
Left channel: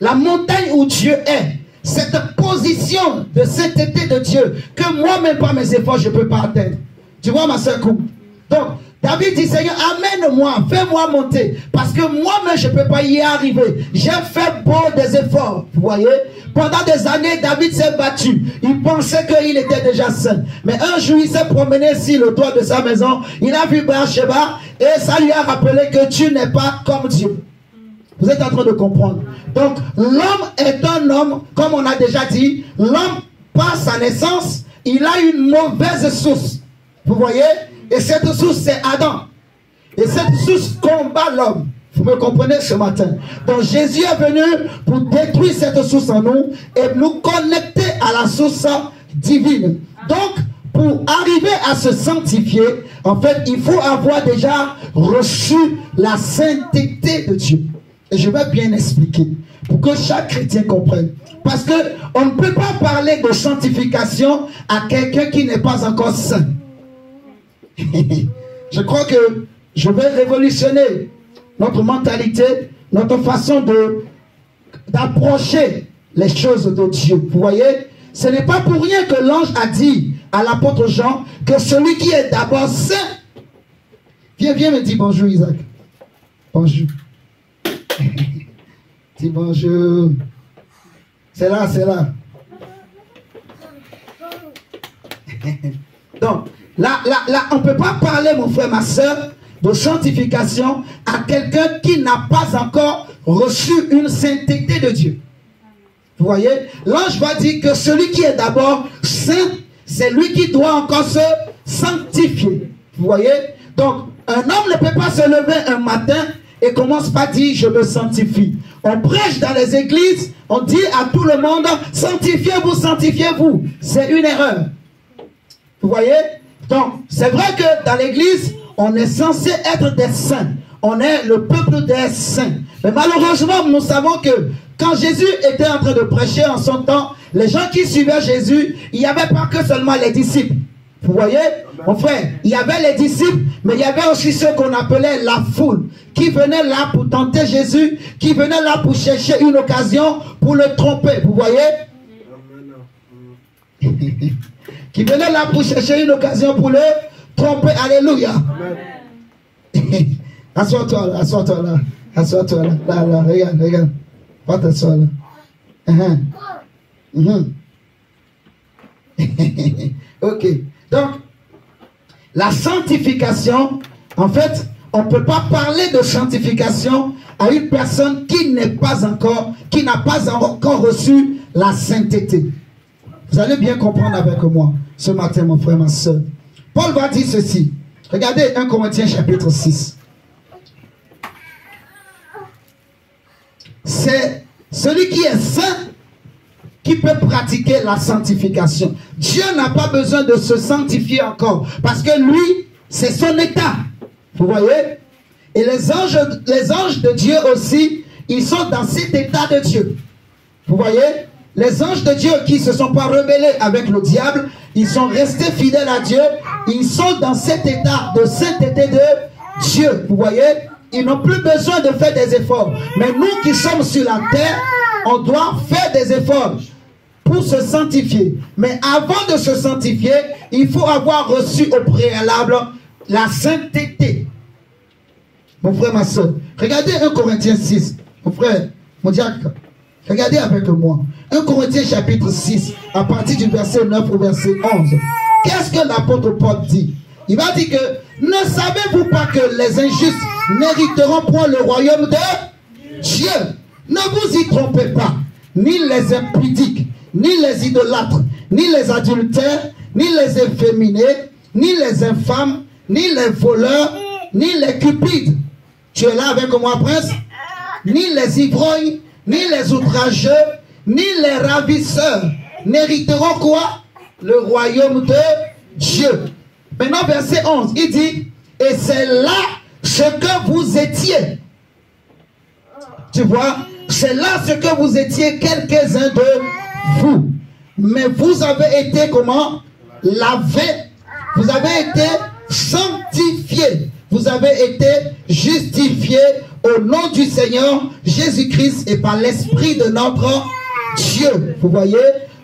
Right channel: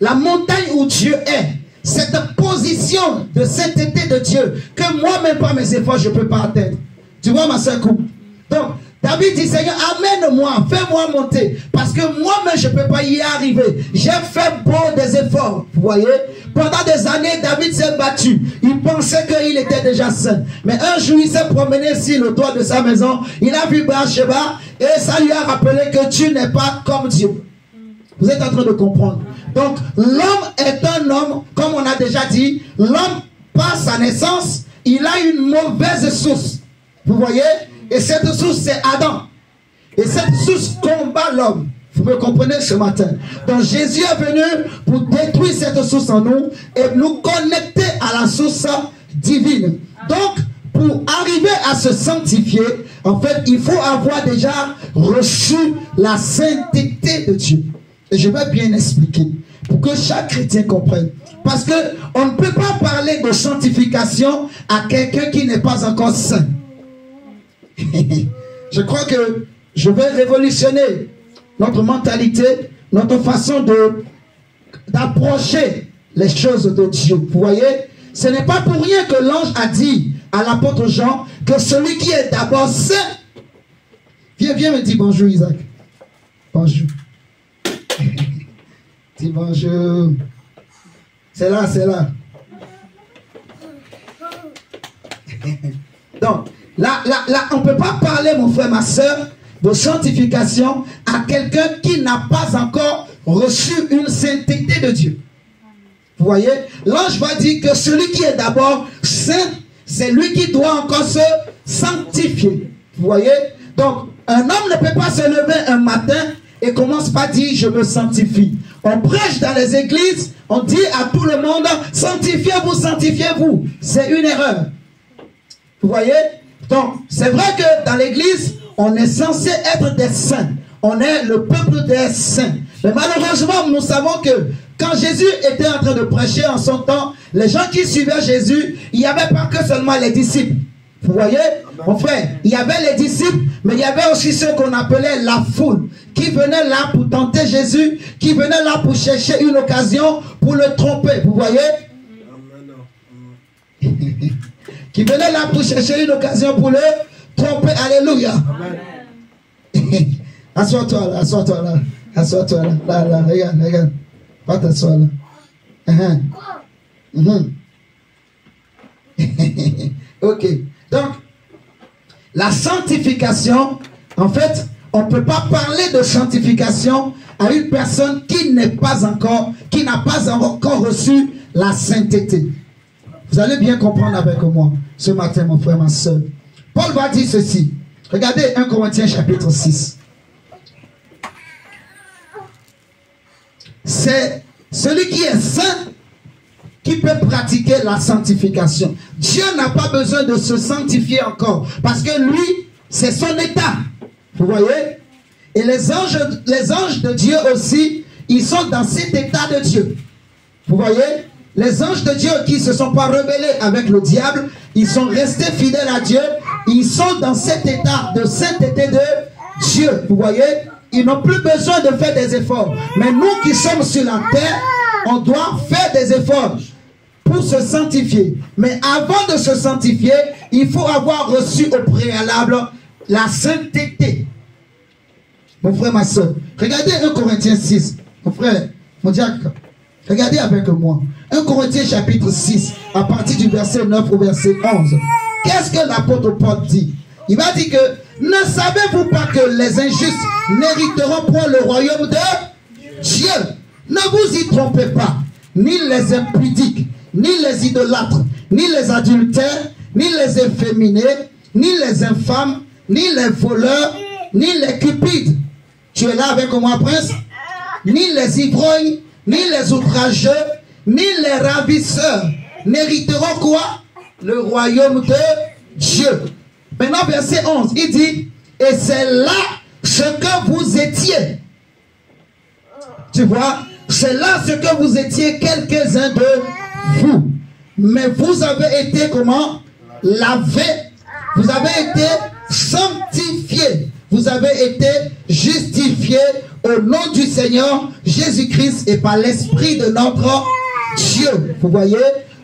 La montagne où Dieu est. Cette position de sainteté de Dieu que moi-même par mes efforts, je ne peux pas atteindre. Tu vois ma soeur Kou? Donc, David dit, Seigneur, amène-moi, fais-moi monter. Parce que moi-même, je ne peux pas y arriver. J'ai fait beau des efforts. Vous voyez? Pendant des années, David s'est battu. Il pensait qu'il était déjà saint. Mais un jour, il s'est promené sur le toit de sa maison. Il a vu Bathsheba et ça lui a rappelé que tu n'es pas comme Dieu. Vous êtes en train de comprendre. Donc, l'homme est un homme, comme on a déjà dit, l'homme, par sa naissance, il a une mauvaise source. Vous voyez? Et cette source, c'est Adam. Et cette source combat l'homme. Vous me comprenez ce matin? Donc Jésus est venu pour détruire cette source en nous et nous connecter à la source divine. Donc, pour arriver à se sanctifier, en fait, il faut avoir déjà reçu la sainteté de Dieu. Et je vais bien expliquer pour que chaque chrétien comprenne. Parce qu'on ne peut pas parler de sanctification à quelqu'un qui n'est pas encore saint. Je crois que je vais révolutionner notre mentalité, notre façon d'approcher les choses de Dieu. Vous voyez, ce n'est pas pour rien que l'ange a dit à l'apôtre Jean que celui qui est d'abord saint. Viens me dire bonjour Isaac. Bonjour. Dis bonjour. C'est là, c'est là. Donc, là, on ne peut pas parler, mon frère, ma soeur, de sanctification à quelqu'un qui n'a pas encore reçu une sainteté de Dieu. Vous voyez, l'ange va dire que celui qui est d'abord saint, c'est lui qui doit encore se sanctifier. Vous voyez, donc un homme ne peut pas se lever un matin et commence par dire je me sanctifie. On prêche dans les églises, on dit à tout le monde sanctifiez-vous, sanctifiez-vous. C'est une erreur. Vous voyez? Donc, c'est vrai que dans l'église, on est censé être des saints. On est le peuple des saints. Mais malheureusement, nous savons que quand Jésus était en train de prêcher en son temps, les gens qui suivaient Jésus, il n'y avait pas que seulement les disciples. Vous voyez, mon frère, il y avait les disciples, mais il y avait aussi ceux qu'on appelait la foule, qui venaient là pour tenter Jésus, qui venaient là pour chercher une occasion pour le tromper. Vous voyez? Qui venaient là pour chercher une occasion pour le tromper. Alléluia. Assois-toi là, assois-toi là. Assois-toi là. Là, regarde, regarde. Va t'asseoir là. Ok. Donc, la sanctification, en fait, on ne peut pas parler de sanctification à une personne qui n'est pas encore, qui n'a pas encore reçu la sainteté. Vous allez bien comprendre avec moi ce matin, mon frère, ma soeur. Paul va dire ceci. Regardez 1 Corinthiens chapitre 6. C'est celui qui est saint qui peut pratiquer la sanctification. Dieu n'a pas besoin de se sanctifier encore, parce que lui, c'est son état. Vous voyez? Et les anges de Dieu aussi, ils sont dans cet état de Dieu. Vous voyez? Les anges de Dieu qui ne se sont pas rebellés avec le diable, ils sont restés fidèles à Dieu, ils sont dans cet état de sainteté de Dieu. Vous voyez? Ils n'ont plus besoin de faire des efforts. Mais nous qui sommes sur la terre, on doit faire des efforts pour se sanctifier. Mais avant de se sanctifier, il faut avoir reçu au préalable la sainteté. Mon frère, ma soeur, regardez 1 Corinthiens 6. Mon frère, mon diacre, regardez avec moi. 1 Corinthiens chapitre 6, à partir du verset 9 au verset 11. Qu'est-ce que l'apôtre Paul dit? Il va dire que, ne savez-vous pas que les injustes n'hériteront point le royaume de Dieu? Ne vous y trompez pas. Ni les impudiques, ni les idolâtres, ni les adultères, ni les efféminés, ni les infâmes, ni les voleurs, ni les cupides. Tu es là avec moi, prince? Ni les ivrognes, ni les outrageux, ni les ravisseurs n'hériteront quoi? Le royaume de Dieu. Maintenant, verset 11, il dit, et c'est là ce que vous étiez. Tu vois? C'est là ce que vous étiez, quelques-uns de vous. Mais vous avez été comment? Lavés. Vous avez été sanctifiés. Vous avez été justifiés au nom du Seigneur Jésus-Christ et par l'Esprit de notre Dieu. Vous voyez?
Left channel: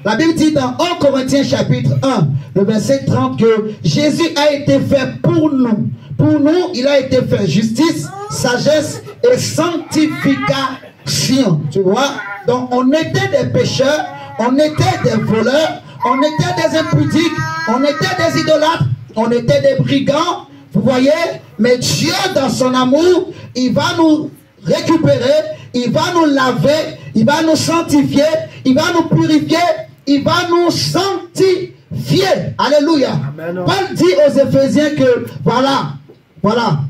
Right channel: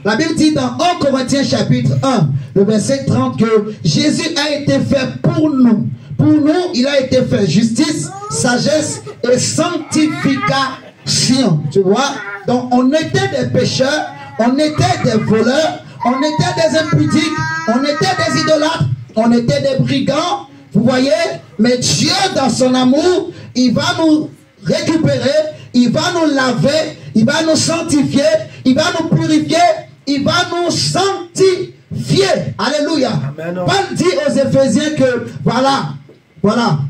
La Bible dit dans 1 Corinthiens chapitre 1, le verset 30, que Jésus a été fait pour nous. Pour nous, il a été fait justice, sagesse et sanctification. Tu vois? Donc, on était des pécheurs, on était des voleurs, on était des impudiques, on était des idolâtres, on était des brigands. Vous voyez? Mais Dieu, dans son amour, il va nous récupérer, il va nous laver, il va nous sanctifier, il va nous purifier, il va nous sanctifier. Alléluia. Amen. Paul dit aux Éphésiens que voilà,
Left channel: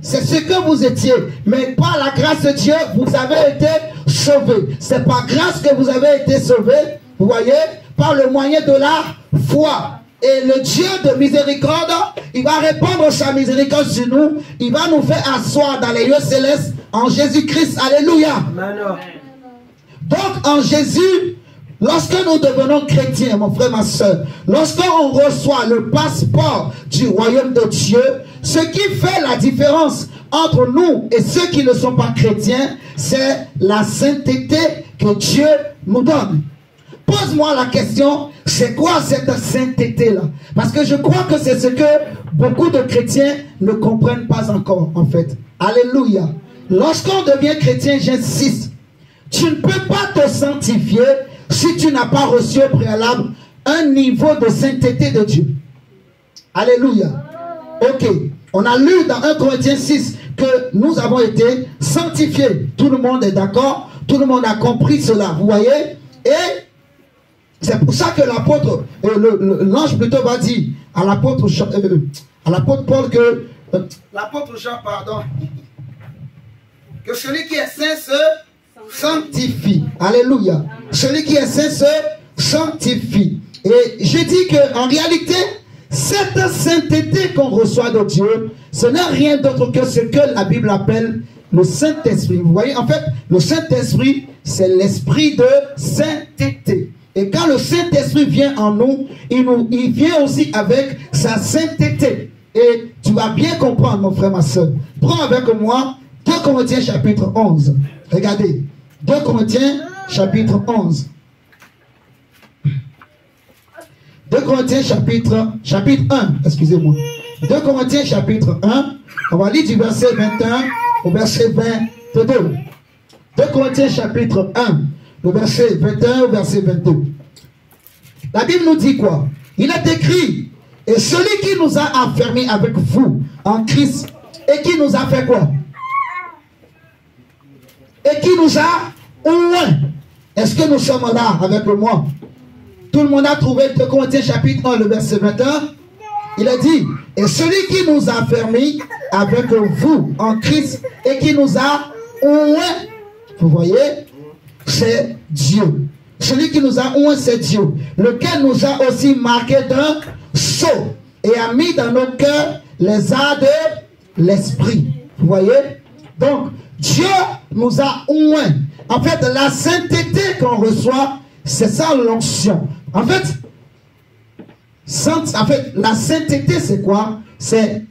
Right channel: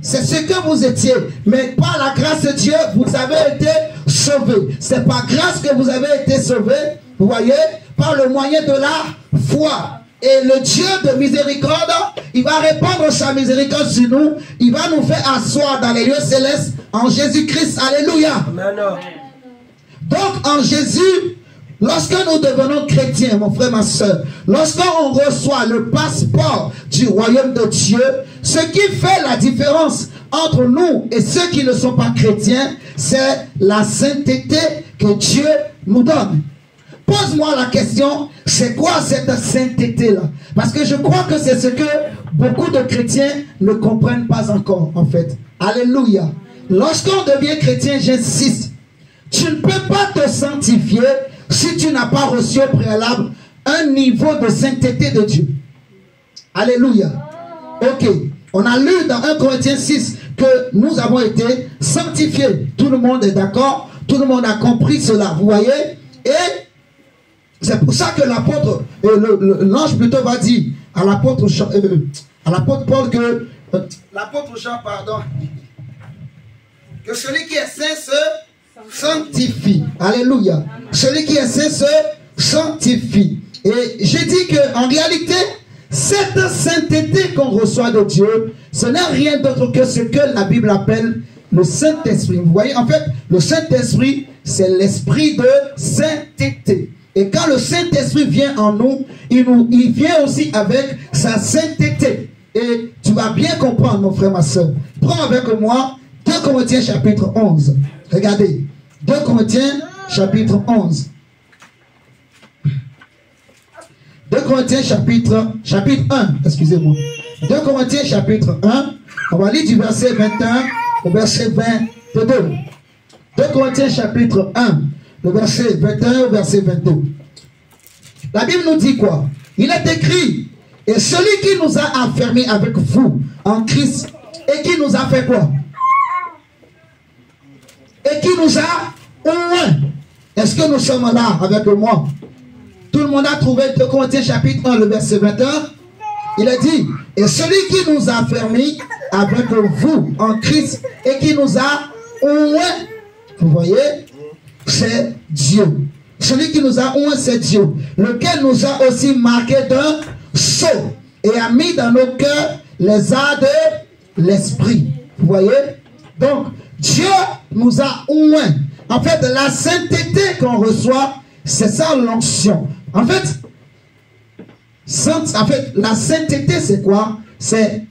c'est ce que vous étiez. Mais par la grâce de Dieu, vous avez été sauvés. C'est par grâce que vous avez été sauvés, vous voyez, par le moyen de la foi. Et le Dieu de miséricorde, il va répandre sa miséricorde sur nous. Il va nous faire asseoir dans les lieux célestes en Jésus-Christ. Alléluia. Amen. Donc en Jésus, lorsque nous devenons chrétiens, mon frère, ma soeur, lorsqu'on reçoit le passeport du royaume de Dieu, ce qui fait la différence entre nous et ceux qui ne sont pas chrétiens, c'est la sainteté que Dieu nous donne. Pose-moi la question, c'est quoi cette sainteté-là? Parce que je crois que c'est ce que beaucoup de chrétiens ne comprennent pas encore, en fait. Alléluia. Lorsqu'on devient chrétien, j'insiste, tu ne peux pas te sanctifier si tu n'as pas reçu au préalable un niveau de sainteté de Dieu. Alléluia. Ok. On a lu dans 1 Corinthiens 6 que nous avons été sanctifiés. Tout le monde est d'accord. Tout le monde a compris cela. Vous voyez? Et c'est pour ça que l'apôtre, l'ange plutôt va dire à l'apôtre Paul que, l'apôtre Jean, pardon, que celui qui est saint se sanctifie. Alléluia. Celui qui est saint se sanctifie. Et j'ai dit qu'en réalité, cette sainteté qu'on reçoit de Dieu, ce n'est rien d'autre que ce que la Bible appelle le Saint-Esprit. Vous voyez, en fait, le Saint-Esprit, c'est l'esprit de sainteté. Et quand le Saint-Esprit vient en nous, il vient aussi avec sa sainteté. Et tu vas bien comprendre, mon frère, ma soeur. Prends avec moi 2 Corinthiens chapitre 11. Regardez. 2 Corinthiens chapitre 11. 2 Corinthiens chapitre 1. Excusez-moi. 2 Corinthiens chapitre 1. On va lire du verset 21 au verset 22. 2 Corinthiens chapitre 1. Le verset 21 au verset 22. La Bible nous dit quoi? Il est écrit, et celui qui nous a enfermés avec vous en Christ, et qui nous a fait quoi? Et qui nous a oint. Est-ce que nous sommes là avec moi? Tout le monde a trouvé 2 Corinthiens chapitre 1, le verset 21. Il a dit, et celui qui nous a enfermés avec vous en Christ, et qui nous a oint. Vous voyez? C'est Dieu. Celui qui nous a oint, c'est Dieu, lequel nous a aussi marqué d'un sceau et a mis dans nos cœurs les arts de l'esprit. Vous voyez? Donc, Dieu nous a oint. En fait, la sainteté qu'on reçoit, c'est ça l'onction. En fait, la sainteté, c'est quoi? C'est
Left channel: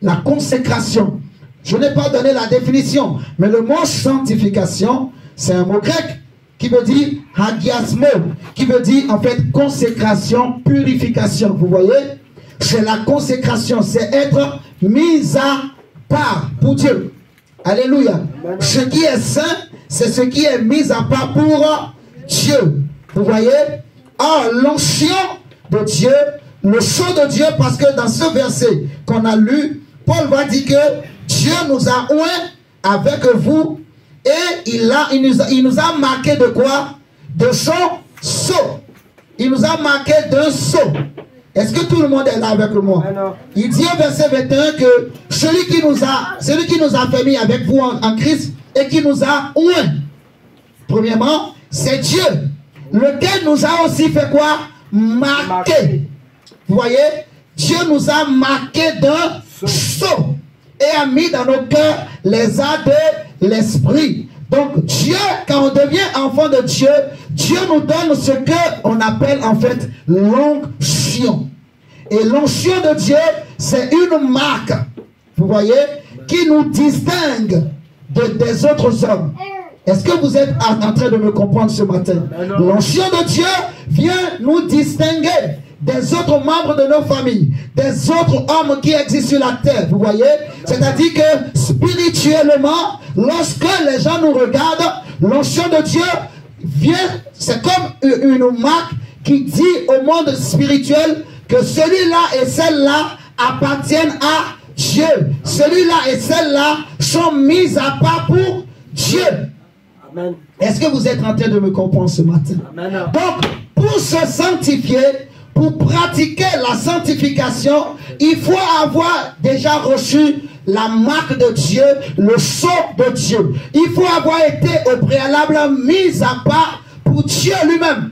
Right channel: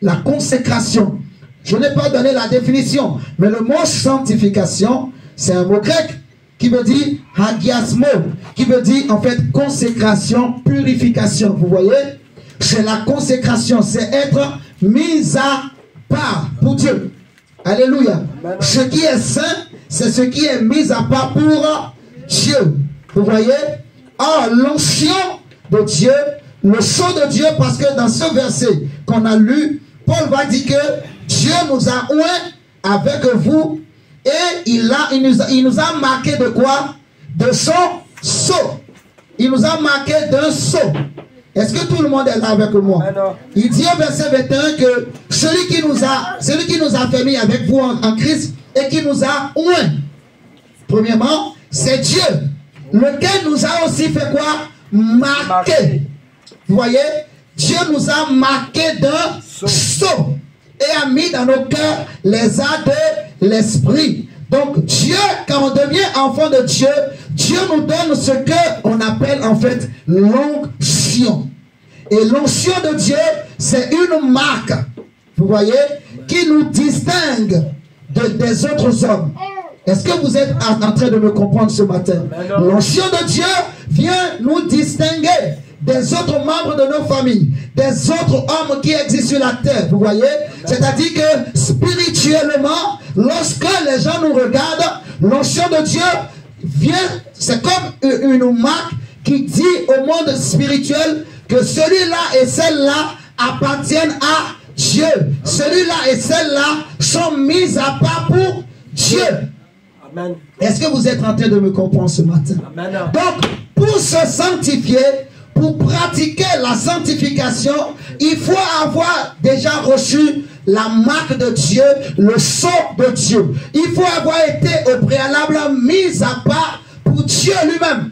la consécration. Je n'ai pas donné la définition, mais le mot sanctification, c'est un mot grec qui veut dire hagiasmo, qui veut dire en fait consécration, purification. Vous voyez? C'est la consécration, c'est être mis à part pour Dieu. Alléluia. Ce qui est saint, c'est ce qui est mis à part pour Dieu. Vous voyez? Or, l'onction de Dieu, le sceau de Dieu, parce que dans ce verset qu'on a lu, Paul va dire que Dieu nous a oint avec vous. Et il nous a marqué de quoi? De son sceau. Il nous a marqué d'un sceau. Est-ce que tout le monde est là avec moi? Il dit au verset 21 que celui qui nous a fait mis avec vous en Christ et qui nous a oint. Premièrement, c'est Dieu. Lequel nous a aussi fait quoi? Marqué. Vous voyez? Dieu nous a marqué d'un sceau et a mis dans nos cœurs les arts de l'esprit. Donc Dieu, quand on devient enfant de Dieu, Dieu nous donne ce qu'on appelle en fait l'onction. Et l'onction de Dieu, c'est une marque, vous voyez, qui nous distingue des autres hommes. Est-ce que vous êtes en train de me comprendre ce matin? L'onction de Dieu vient nous distinguer des autres membres de nos familles, des autres hommes qui existent sur la terre, vous voyez? C'est-à-dire que spirituellement, lorsque les gens nous regardent, l'onction de Dieu vient, c'est comme une marque qui dit au monde spirituel que celui-là et celle-là appartiennent à Dieu. Celui-là et celle-là sont mis à part pour Dieu. Est-ce que vous êtes en train de me comprendre ce matin? Amen. Donc, pour se sanctifier, pour pratiquer la sanctification, il faut avoir déjà reçu la marque de Dieu, le sceau de Dieu. Il faut avoir été au préalable mis à part pour Dieu lui-même.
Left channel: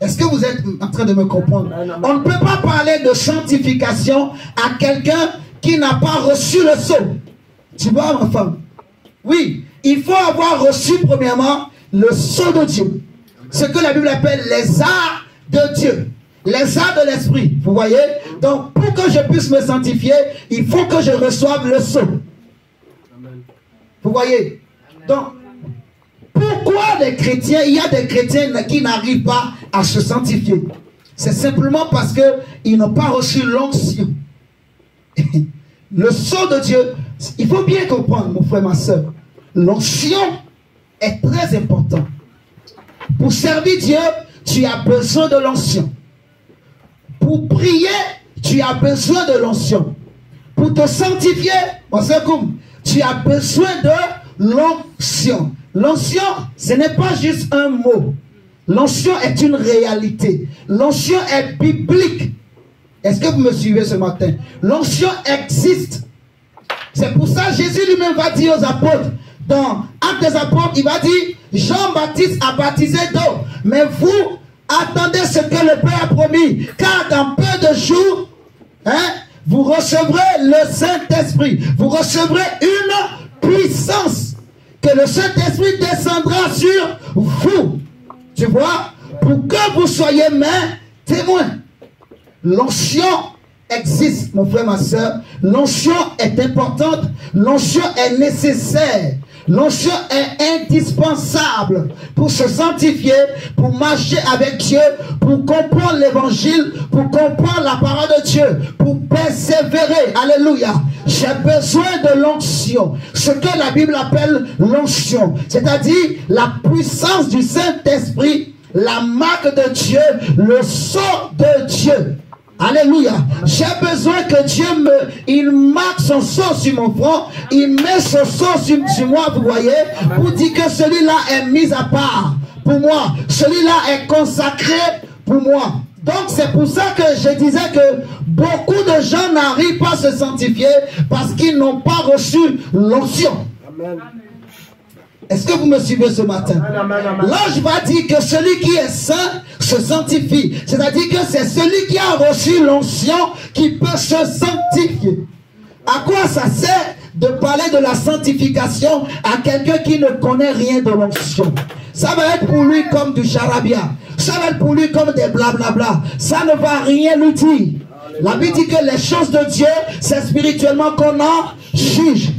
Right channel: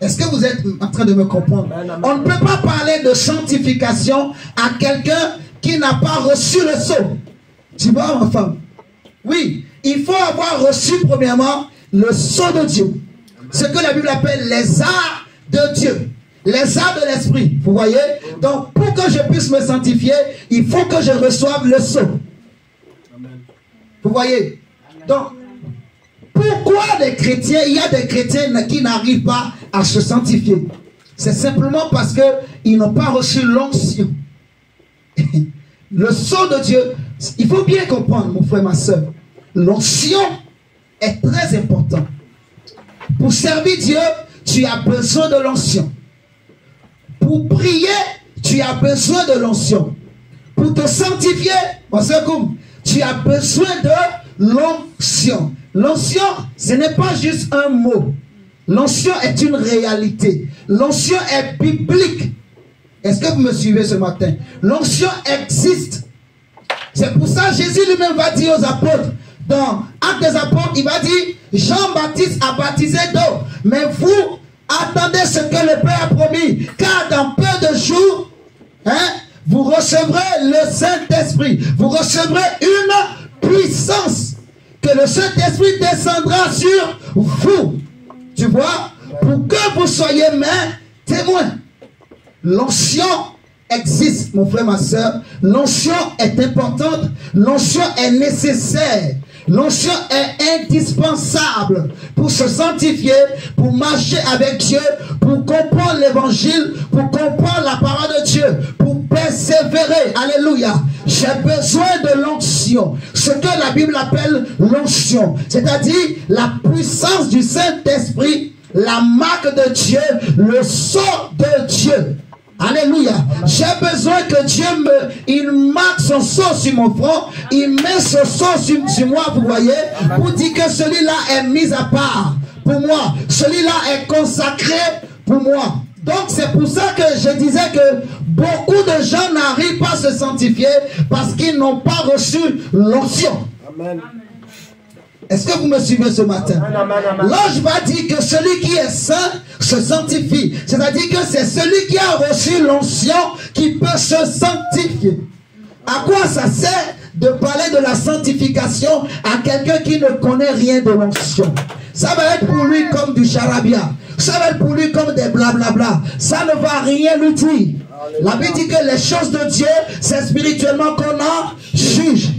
Est-ce que vous êtes en train de me comprendre? On ne peut pas parler de sanctification à quelqu'un qui n'a pas reçu le sceau. Tu vois, ma femme? Oui, il faut avoir reçu premièrement le sceau de Dieu. Ce que la Bible appelle les arts de Dieu. Les arts de l'esprit, vous voyez? Donc, pour que je puisse me sanctifier, il faut que je reçoive le sceau. Vous voyez? Donc, pourquoi les chrétiens, il y a des chrétiens qui n'arrivent pas à se sanctifier? C'est simplement parce qu'ils n'ont pas reçu l'onction. Le sceau de Dieu, il faut bien comprendre, mon frère, ma soeur. L'onction est très importante. Pour servir Dieu, tu as besoin de l'onction. Pour prier, tu as besoin de l'onction. Pour te sanctifier, tu as besoin de l'onction. L'onction, ce n'est pas juste un mot. L'onction est une réalité. L'onction est biblique. Est-ce que vous me suivez ce matin? L'onction existe. C'est pour ça que Jésus lui-même va dire aux apôtres, dans Actes des Apôtres, il va dire, Jean-Baptiste a baptisé d'eau, mais vous attendez ce que le Père a promis, car dans peu de jours, vous recevrez le Saint-Esprit. Vous recevrez une puissance, que le Saint-Esprit descendra sur vous. Tu vois? pour que vous soyez mes témoins. L'onction existe, mon frère, ma soeur. L'onction est importante. L'onction est nécessaire. L'onction est indispensable pour se sanctifier, pour marcher avec Dieu, pour comprendre l'évangile, pour comprendre la parole de Dieu, pour persévérer. Alléluia. J'ai besoin de l'onction. Ce que la Bible appelle l'onction, c'est-à-dire la puissance du Saint-Esprit, la marque de Dieu, le sceau de Dieu. Alléluia. J'ai besoin que Dieu il marque son sceau sur mon front, il met son sceau sur moi, vous voyez, pour dire que celui-là est mis à part pour moi, celui-là est consacré pour moi. Donc c'est pour ça que je disais que beaucoup de gens n'arrivent pas à se sanctifier parce qu'ils n'ont pas reçu l'onction. Amen. Est-ce que vous me suivez ce matin? L'ange va dire que celui qui est saint se sanctifie. C'est-à-dire que c'est celui qui a reçu l'onction qui peut se sanctifier. À quoi ça sert de parler de la sanctification à quelqu'un qui ne connaît rien de l'onction? Ça va être pour lui comme du charabia. Ça va être pour lui comme des blablabla. Ça ne va rien lui dire. La Bible dit que les choses de Dieu, c'est spirituellement qu'on en juge.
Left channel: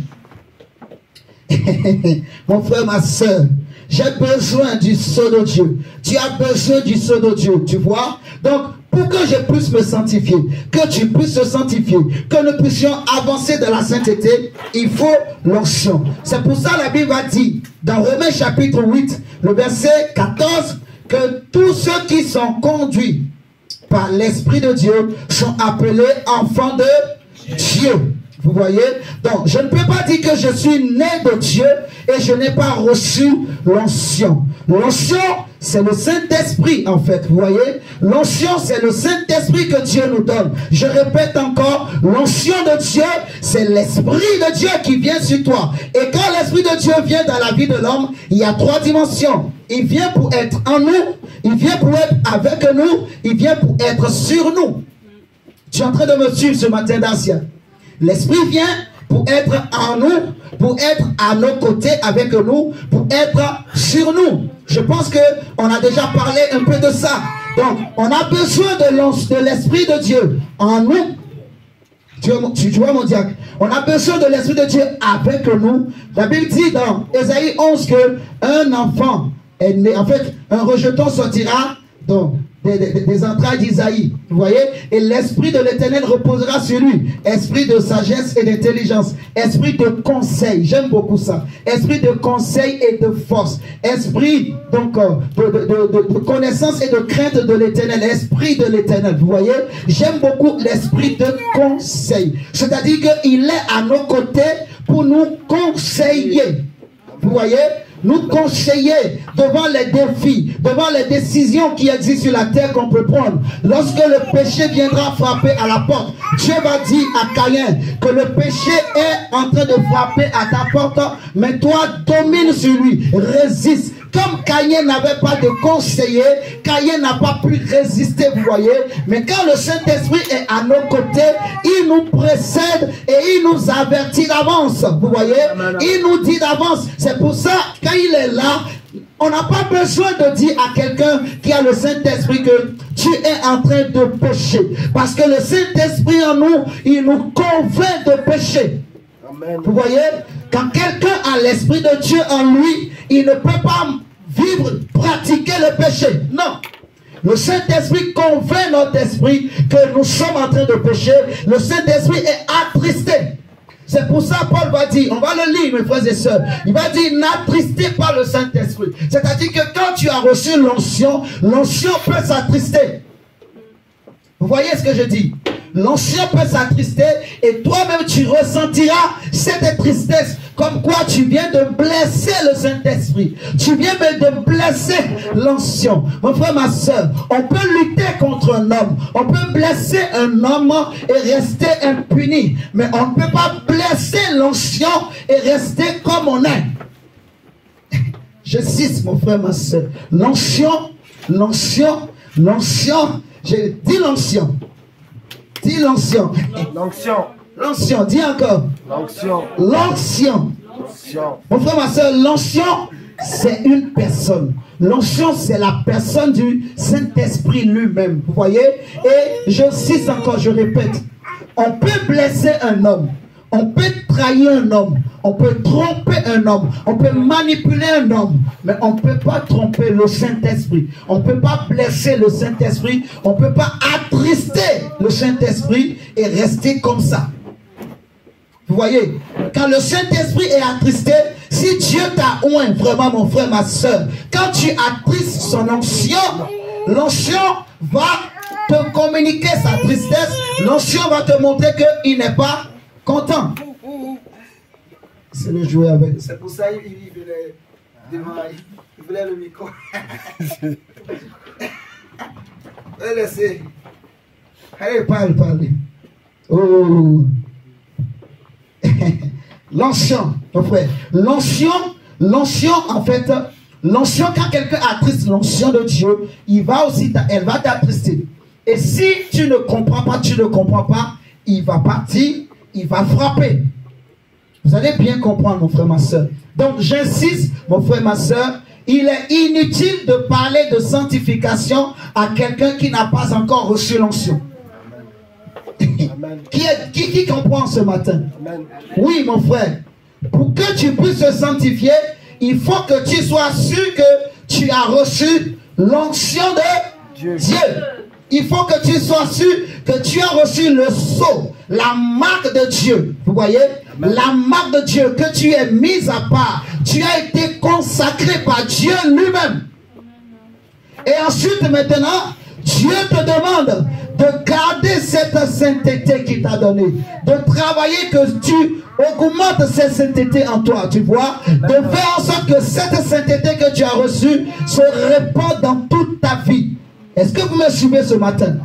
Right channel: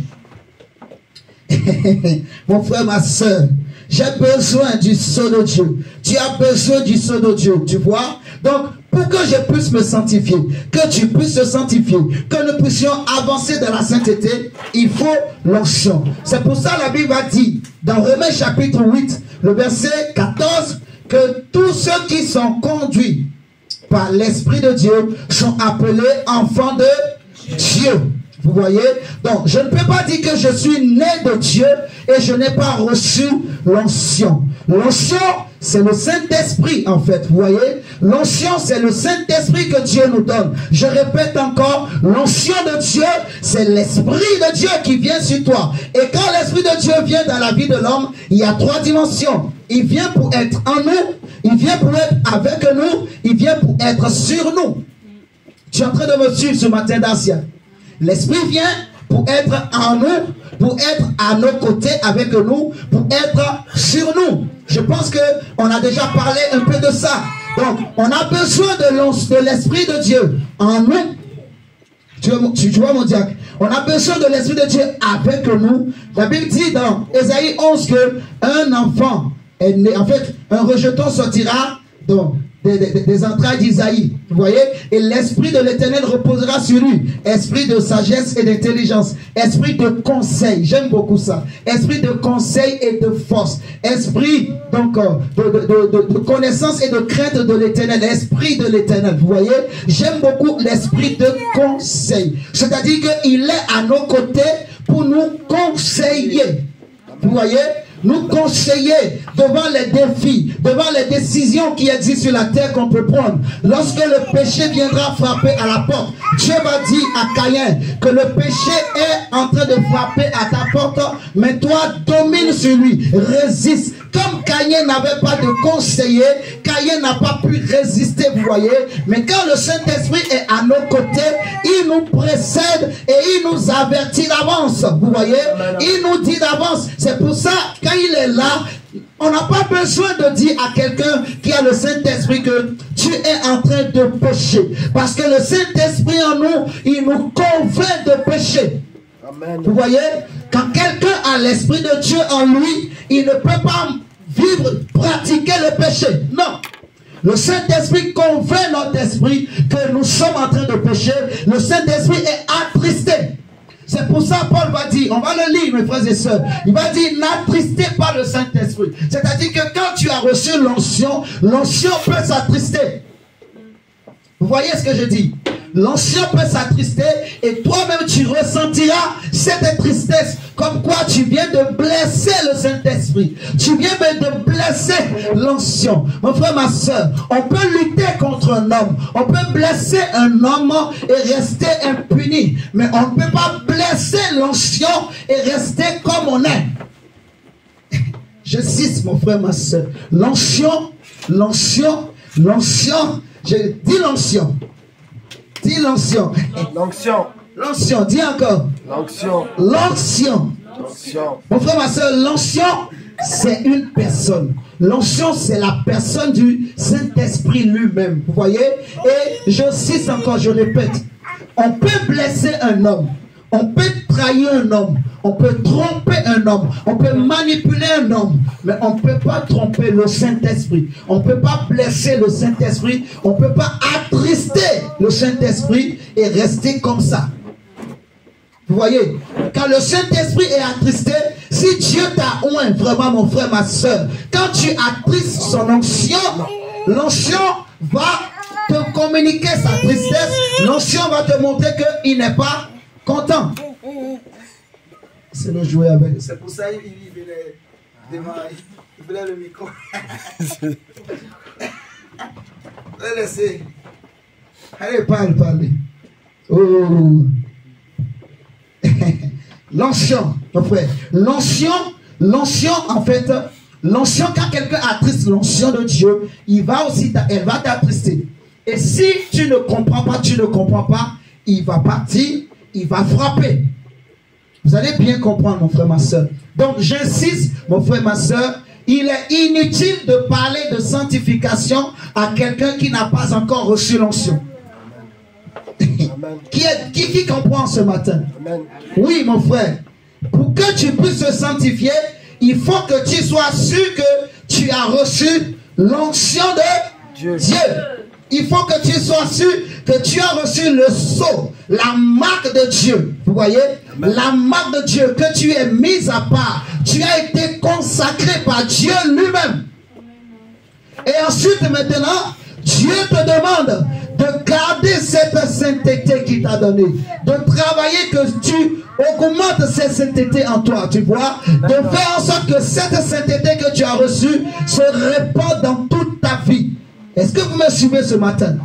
Mon frère, ma soeur, j'ai besoin du sceau de Dieu. Tu as besoin du sceau de Dieu, tu vois. Donc, pour que je puisse me sanctifier, que tu puisses te sanctifier, que nous puissions avancer dans la sainteté, il faut l'onction. C'est pour ça que la Bible a dit, dans Romains chapitre 8, le verset 14, que tous ceux qui sont conduits par l'Esprit de Dieu sont appelés enfants de Dieu. Vous voyez? Donc, je ne peux pas dire que je suis né de Dieu et je n'ai pas reçu l'onction. L'onction, c'est le Saint-Esprit, en fait. Vous voyez? L'onction, c'est le Saint-Esprit que Dieu nous donne. Je répète encore, l'onction de Dieu, c'est l'Esprit de Dieu qui vient sur toi. Et quand l'Esprit de Dieu vient dans la vie de l'homme, il y a 3 dimensions. Il vient pour être en nous, il vient pour être avec nous, il vient pour être sur nous. Tu es en train de me suivre ce matin, Dacia. L'Esprit vient pour être en nous, pour être à nos côtés avec nous, pour être sur nous. Je pense qu'on a déjà parlé un peu de ça. Donc, on a besoin de l'Esprit de Dieu en nous. Tu vois mon diacre? On a besoin de l'Esprit de Dieu avec nous. La Bible dit dans Ésaïe 11 qu'un enfant est né. En fait, un rejeton sortira donc des entrailles d'Isaïe, vous voyez, et l'Esprit de l'Éternel reposera sur lui, esprit de sagesse et d'intelligence, esprit de conseil, j'aime beaucoup ça, esprit de conseil et de force, esprit donc de connaissance et de crainte de l'Éternel, esprit de l'Éternel, vous voyez, j'aime beaucoup l'esprit de conseil, c'est-à-dire qu'il est à nos côtés pour nous conseiller, vous voyez, nous conseiller devant les défis, devant les décisions qui existent sur la terre qu'on peut prendre. Lorsque le péché viendra frapper à la porte, Dieu va dire à Caïn que le péché est en train de frapper à ta porte, mais toi domine sur lui, résiste. Comme Caïn n'avait pas de conseiller, Caïn n'a pas pu résister, vous voyez. Mais quand le Saint-Esprit est à nos côtés, il nous précède et il nous avertit d'avance, vous voyez. Il nous dit d'avance. C'est pour ça, quand il est là, on n'a pas besoin de dire à quelqu'un qui a le Saint-Esprit que tu es en train de pécher. Parce que le Saint-Esprit en nous, il nous convainc de pécher. Amen. Vous voyez, quand quelqu'un a l'Esprit de Dieu en lui, il ne peut pas vivre, pratiquer le péché. Non. Le Saint-Esprit convainc notre esprit que nous sommes en train de pécher. Le Saint-Esprit est attristé. C'est pour ça Paul va dire, on va le lire mes frères et sœurs, il va dire n'attristez pas le Saint-Esprit. C'est-à-dire que quand tu as reçu l'onction, l'onction peut s'attrister. Vous voyez ce que je dis? L'onction peut s'attrister et toi-même tu ressentiras cette tristesse. Comme quoi tu viens de blesser le Saint-Esprit. Tu viens de blesser l'onction. Mon frère, ma soeur, on peut lutter contre un homme. On peut blesser un homme et rester impuni. Mais on ne peut pas blesser l'onction et rester comme on est. Je cite, mon frère, ma soeur. L'onction, l'onction, l'onction. Je dis l'onction. Dis l'onction. L'onction. L'onction, dis encore. L'onction. L'onction. Mon frère, ma soeur, l'onction, c'est une personne. L'onction, c'est la personne du Saint-Esprit lui-même. Vous voyez? Et j'insiste encore, je répète. On peut blesser un homme. On peut trahir un homme. On peut tromper un homme. On peut manipuler un homme. Mais on ne peut pas tromper le Saint-Esprit. On ne peut pas blesser le Saint-Esprit. On ne peut pas attrister le Saint-Esprit et rester comme ça. Vous voyez, quand le Saint-Esprit est attristé, si Dieu t'a oint, vraiment mon frère, ma soeur, quand tu attristes son onction, l'onction va te communiquer sa tristesse, l'onction va te montrer qu'il n'est pas content. C'est le jouet avec. C'est pour ça qu'il voulait demander, il voulait le micro. Laissez. Allez, parle. Oh. L'onction, mon frère. L'onction, en fait, l'onction, quand quelqu'un attriste l'onction de Dieu, elle va t'attrister. Et si tu ne comprends pas, il va partir, il va frapper. Vous allez bien comprendre, mon frère, ma soeur. Donc, j'insiste, mon frère, ma soeur, il est inutile de parler de sanctification à quelqu'un qui n'a pas encore reçu l'onction. Qui comprend ce matin? Amen. Oui, mon frère. Pour que tu puisses te sanctifier, il faut que tu sois sûr que tu as reçu l'onction de Dieu. Il faut que tu sois sûr que tu as reçu le sceau, la marque de Dieu. Vous voyez? Amen. La marque de Dieu, que tu es mise à part. Tu as été consacré par Dieu lui-même. Et ensuite, maintenant, Dieu te demande de garder cette sainteté qu'il t'a donnée, de travailler que tu augmentes cette sainteté en toi, tu vois, de faire en sorte que cette sainteté que tu as reçue se répande dans toute ta vie. Est-ce que vous me suivez ce matin?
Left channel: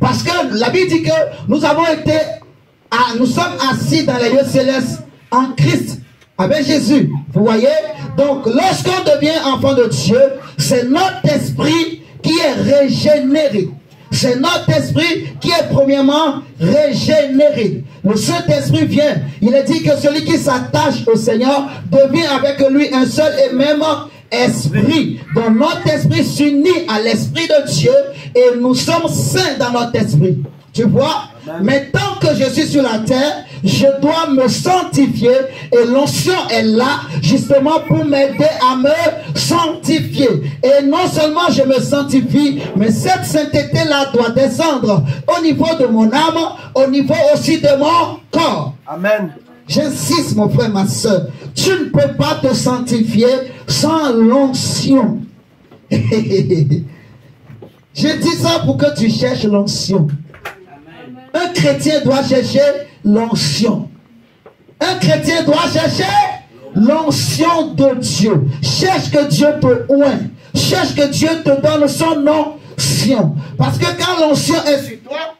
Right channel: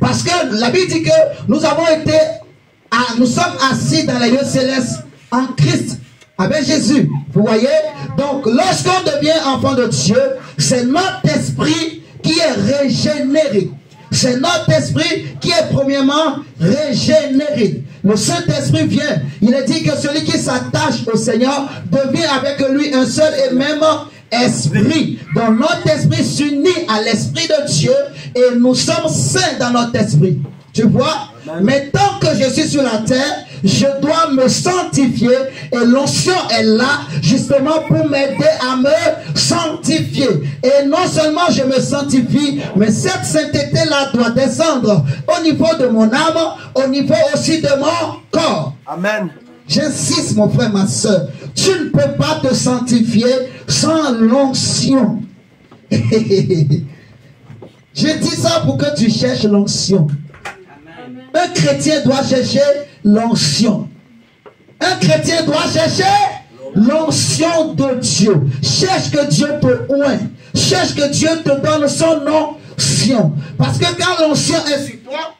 Parce que la Bible dit que nous sommes assis dans les lieux célestes en Christ, avec Jésus, vous voyez. Donc lorsqu'on devient enfant de Dieu, c'est notre esprit qui est régénéré. C'est notre esprit qui est premièrement régénéré. Le Saint-Esprit vient. Il est dit que celui qui s'attache au Seigneur devient avec lui un seul et même esprit. Donc notre esprit s'unit à l'esprit de Dieu et nous sommes saints dans notre esprit. Tu vois? Mais tant que je suis sur la terre, je dois me sanctifier et l'onction est là justement pour m'aider à me sanctifier. Et non seulement je me sanctifie, mais cette sainteté-là doit descendre au niveau de mon âme, au niveau aussi de mon corps. Amen. J'insiste, mon frère, ma soeur, tu ne peux pas te sanctifier sans l'onction. Je dis ça pour que tu cherches l'onction. Un chrétien doit chercher l'onction. Un chrétien doit chercher l'onction de Dieu. Cherche que Dieu te oint. Cherche que Dieu te donne son onction. Parce que quand l'onction est sur toi,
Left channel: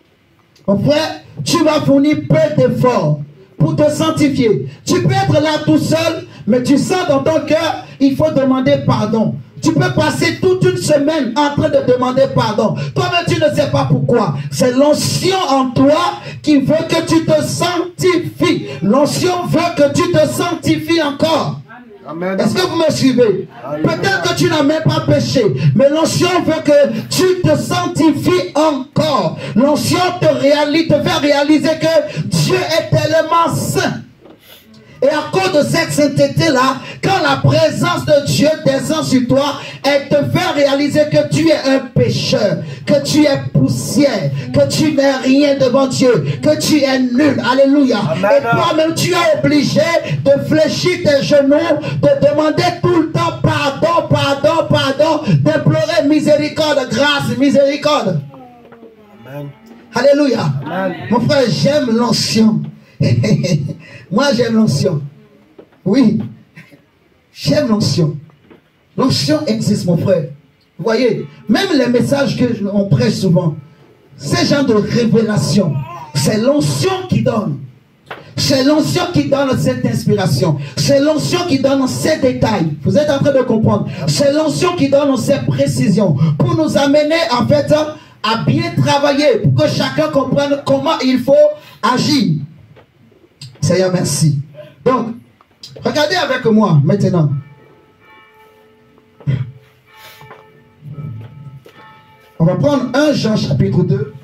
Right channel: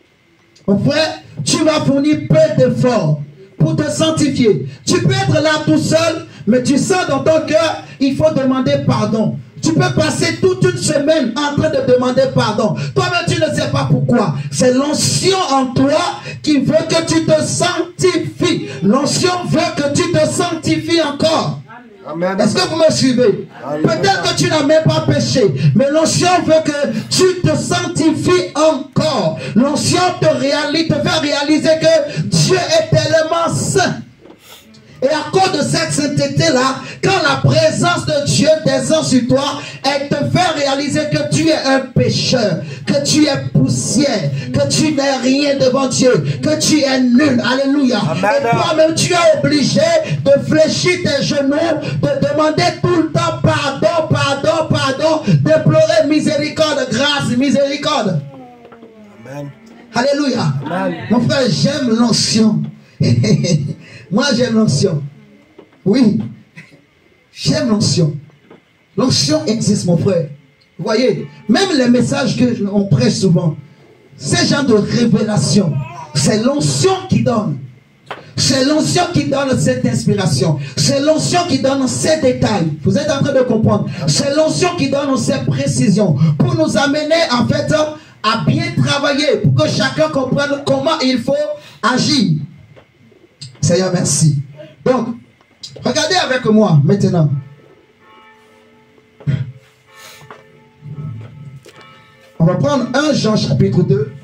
mon frère, tu vas fournir peu d'efforts pour te sanctifier. Tu peux être là tout seul, mais tu sens dans ton cœur, il faut demander pardon. Tu peux passer toute une semaine en train de demander pardon. Toi-même, tu ne sais pas pourquoi. C'est l'onction en toi qui veut que tu te sanctifies. L'onction veut que tu te sanctifies encore. Est-ce que vous me suivez? Peut-être que tu n'as même pas péché, mais l'onction veut que tu te sanctifies encore. L'onction te fait réaliser que Dieu est tellement saint. Et à cause de cette sainteté-là, quand la présence de Dieu descend sur toi, elle te fait réaliser que tu es un pécheur, que tu es poussière, que tu n'es rien devant Dieu, que tu es nul. Alléluia. Amen. Et toi-même, tu es obligé de fléchir tes genoux, de demander tout le temps pardon, pardon, pardon, déplorer miséricorde, grâce, miséricorde. Amen. Alléluia. Amen. Mon frère, j'aime l'onction. Moi, j'aime l'onction. Oui, j'aime l'onction. L'onction existe, mon frère. Vous voyez, même les messages que on prêche souvent, ces gens de révélation, c'est l'onction qui donne. C'est l'onction qui donne cette inspiration. C'est l'onction qui donne ces détails. Vous êtes en train de comprendre. C'est l'onction qui donne ces précisions pour nous amener, en fait, à bien travailler, pour que chacun comprenne comment il faut agir. Seigneur, merci. Donc, regardez avec moi maintenant. On va prendre 1 Jean chapitre 2.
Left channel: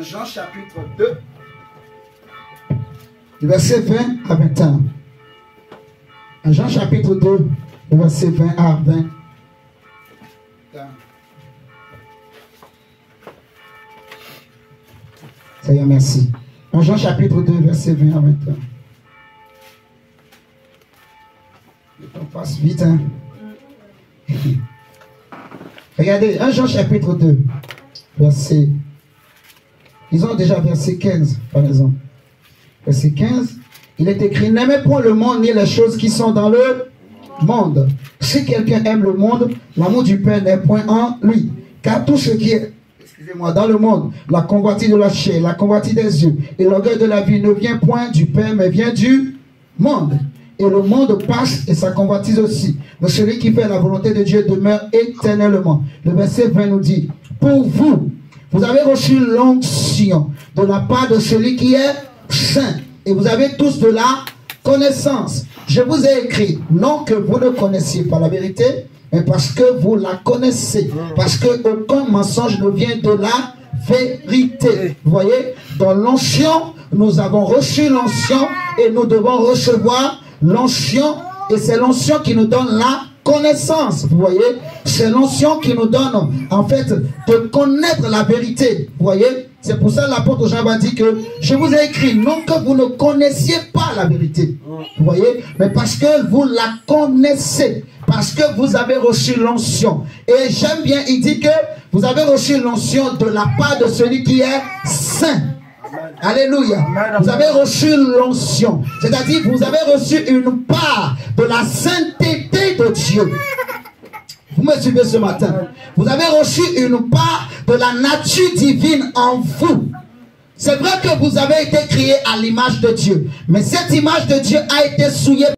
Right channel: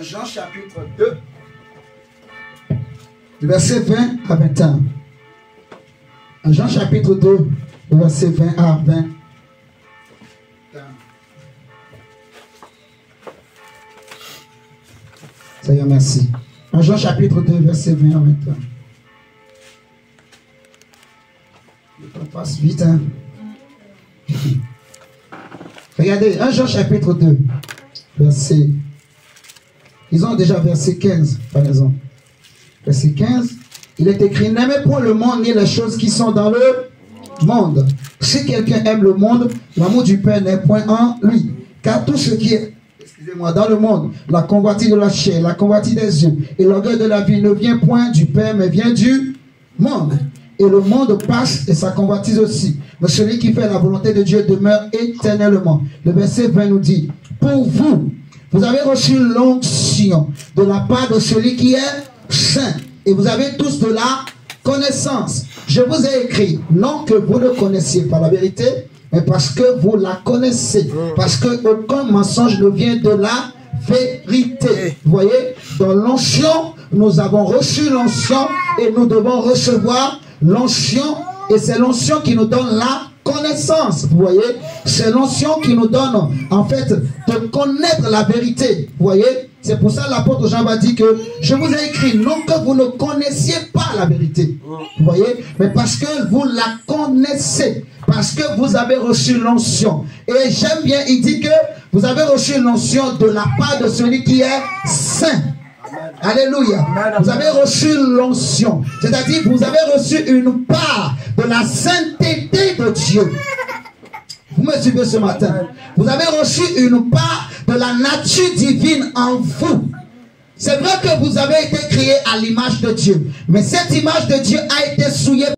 Jean chapitre 2, du verset 20 à 21. Jean chapitre 2, du verset 20 à 20. Seigneur, merci. Jean chapitre 2, verset 20 à 21. Le temps passe vite, hein? Regardez, 1 Jean chapitre 2, verset. Ils ont déjà verset 15, par exemple. Verset 15, il est écrit, n'aimez point le monde ni les choses qui sont dans le monde. Si quelqu'un aime le monde, l'amour du Père n'est point en lui. Car tout ce qui est, excusez-moi, dans le monde, la convoitise de la chair, la convoitise des yeux et l'orgueil de la vie ne vient point du Père, mais vient du monde. Et le monde passe et sa convoitise aussi. Mais celui qui fait la volonté de Dieu demeure éternellement. Le verset 20 nous dit, pour vous, vous avez reçu l'onction de la part de celui qui est saint. Et vous avez tous de la connaissance. Je vous ai écrit, non que vous ne connaissiez pas la vérité, mais parce que vous la connaissez. Parce que aucun mensonge ne vient de la vérité. Vous voyez, dans l'onction, nous avons reçu l'onction et nous devons recevoir l'onction. Et c'est l'onction qui nous donne la connaissance, vous voyez, c'est l'onction qui nous donne en fait de connaître la vérité, vous voyez, c'est pour ça que l'apôtre Jean va dire que je vous ai écrit non que vous ne connaissiez pas la vérité, vous voyez, mais parce que vous la connaissez, parce que vous avez reçu l'onction. Et j'aime bien, il dit que vous avez reçu l'onction de la part de celui qui est saint. Alléluia. Vous avez reçu l'onction. C'est-à-dire vous avez reçu une part de la sainteté de Dieu. Vous me suivez ce matin? Vous avez reçu une part de la nature divine en vous. C'est vrai que vous avez été créé à l'image de Dieu. Mais cette image de Dieu a été souillée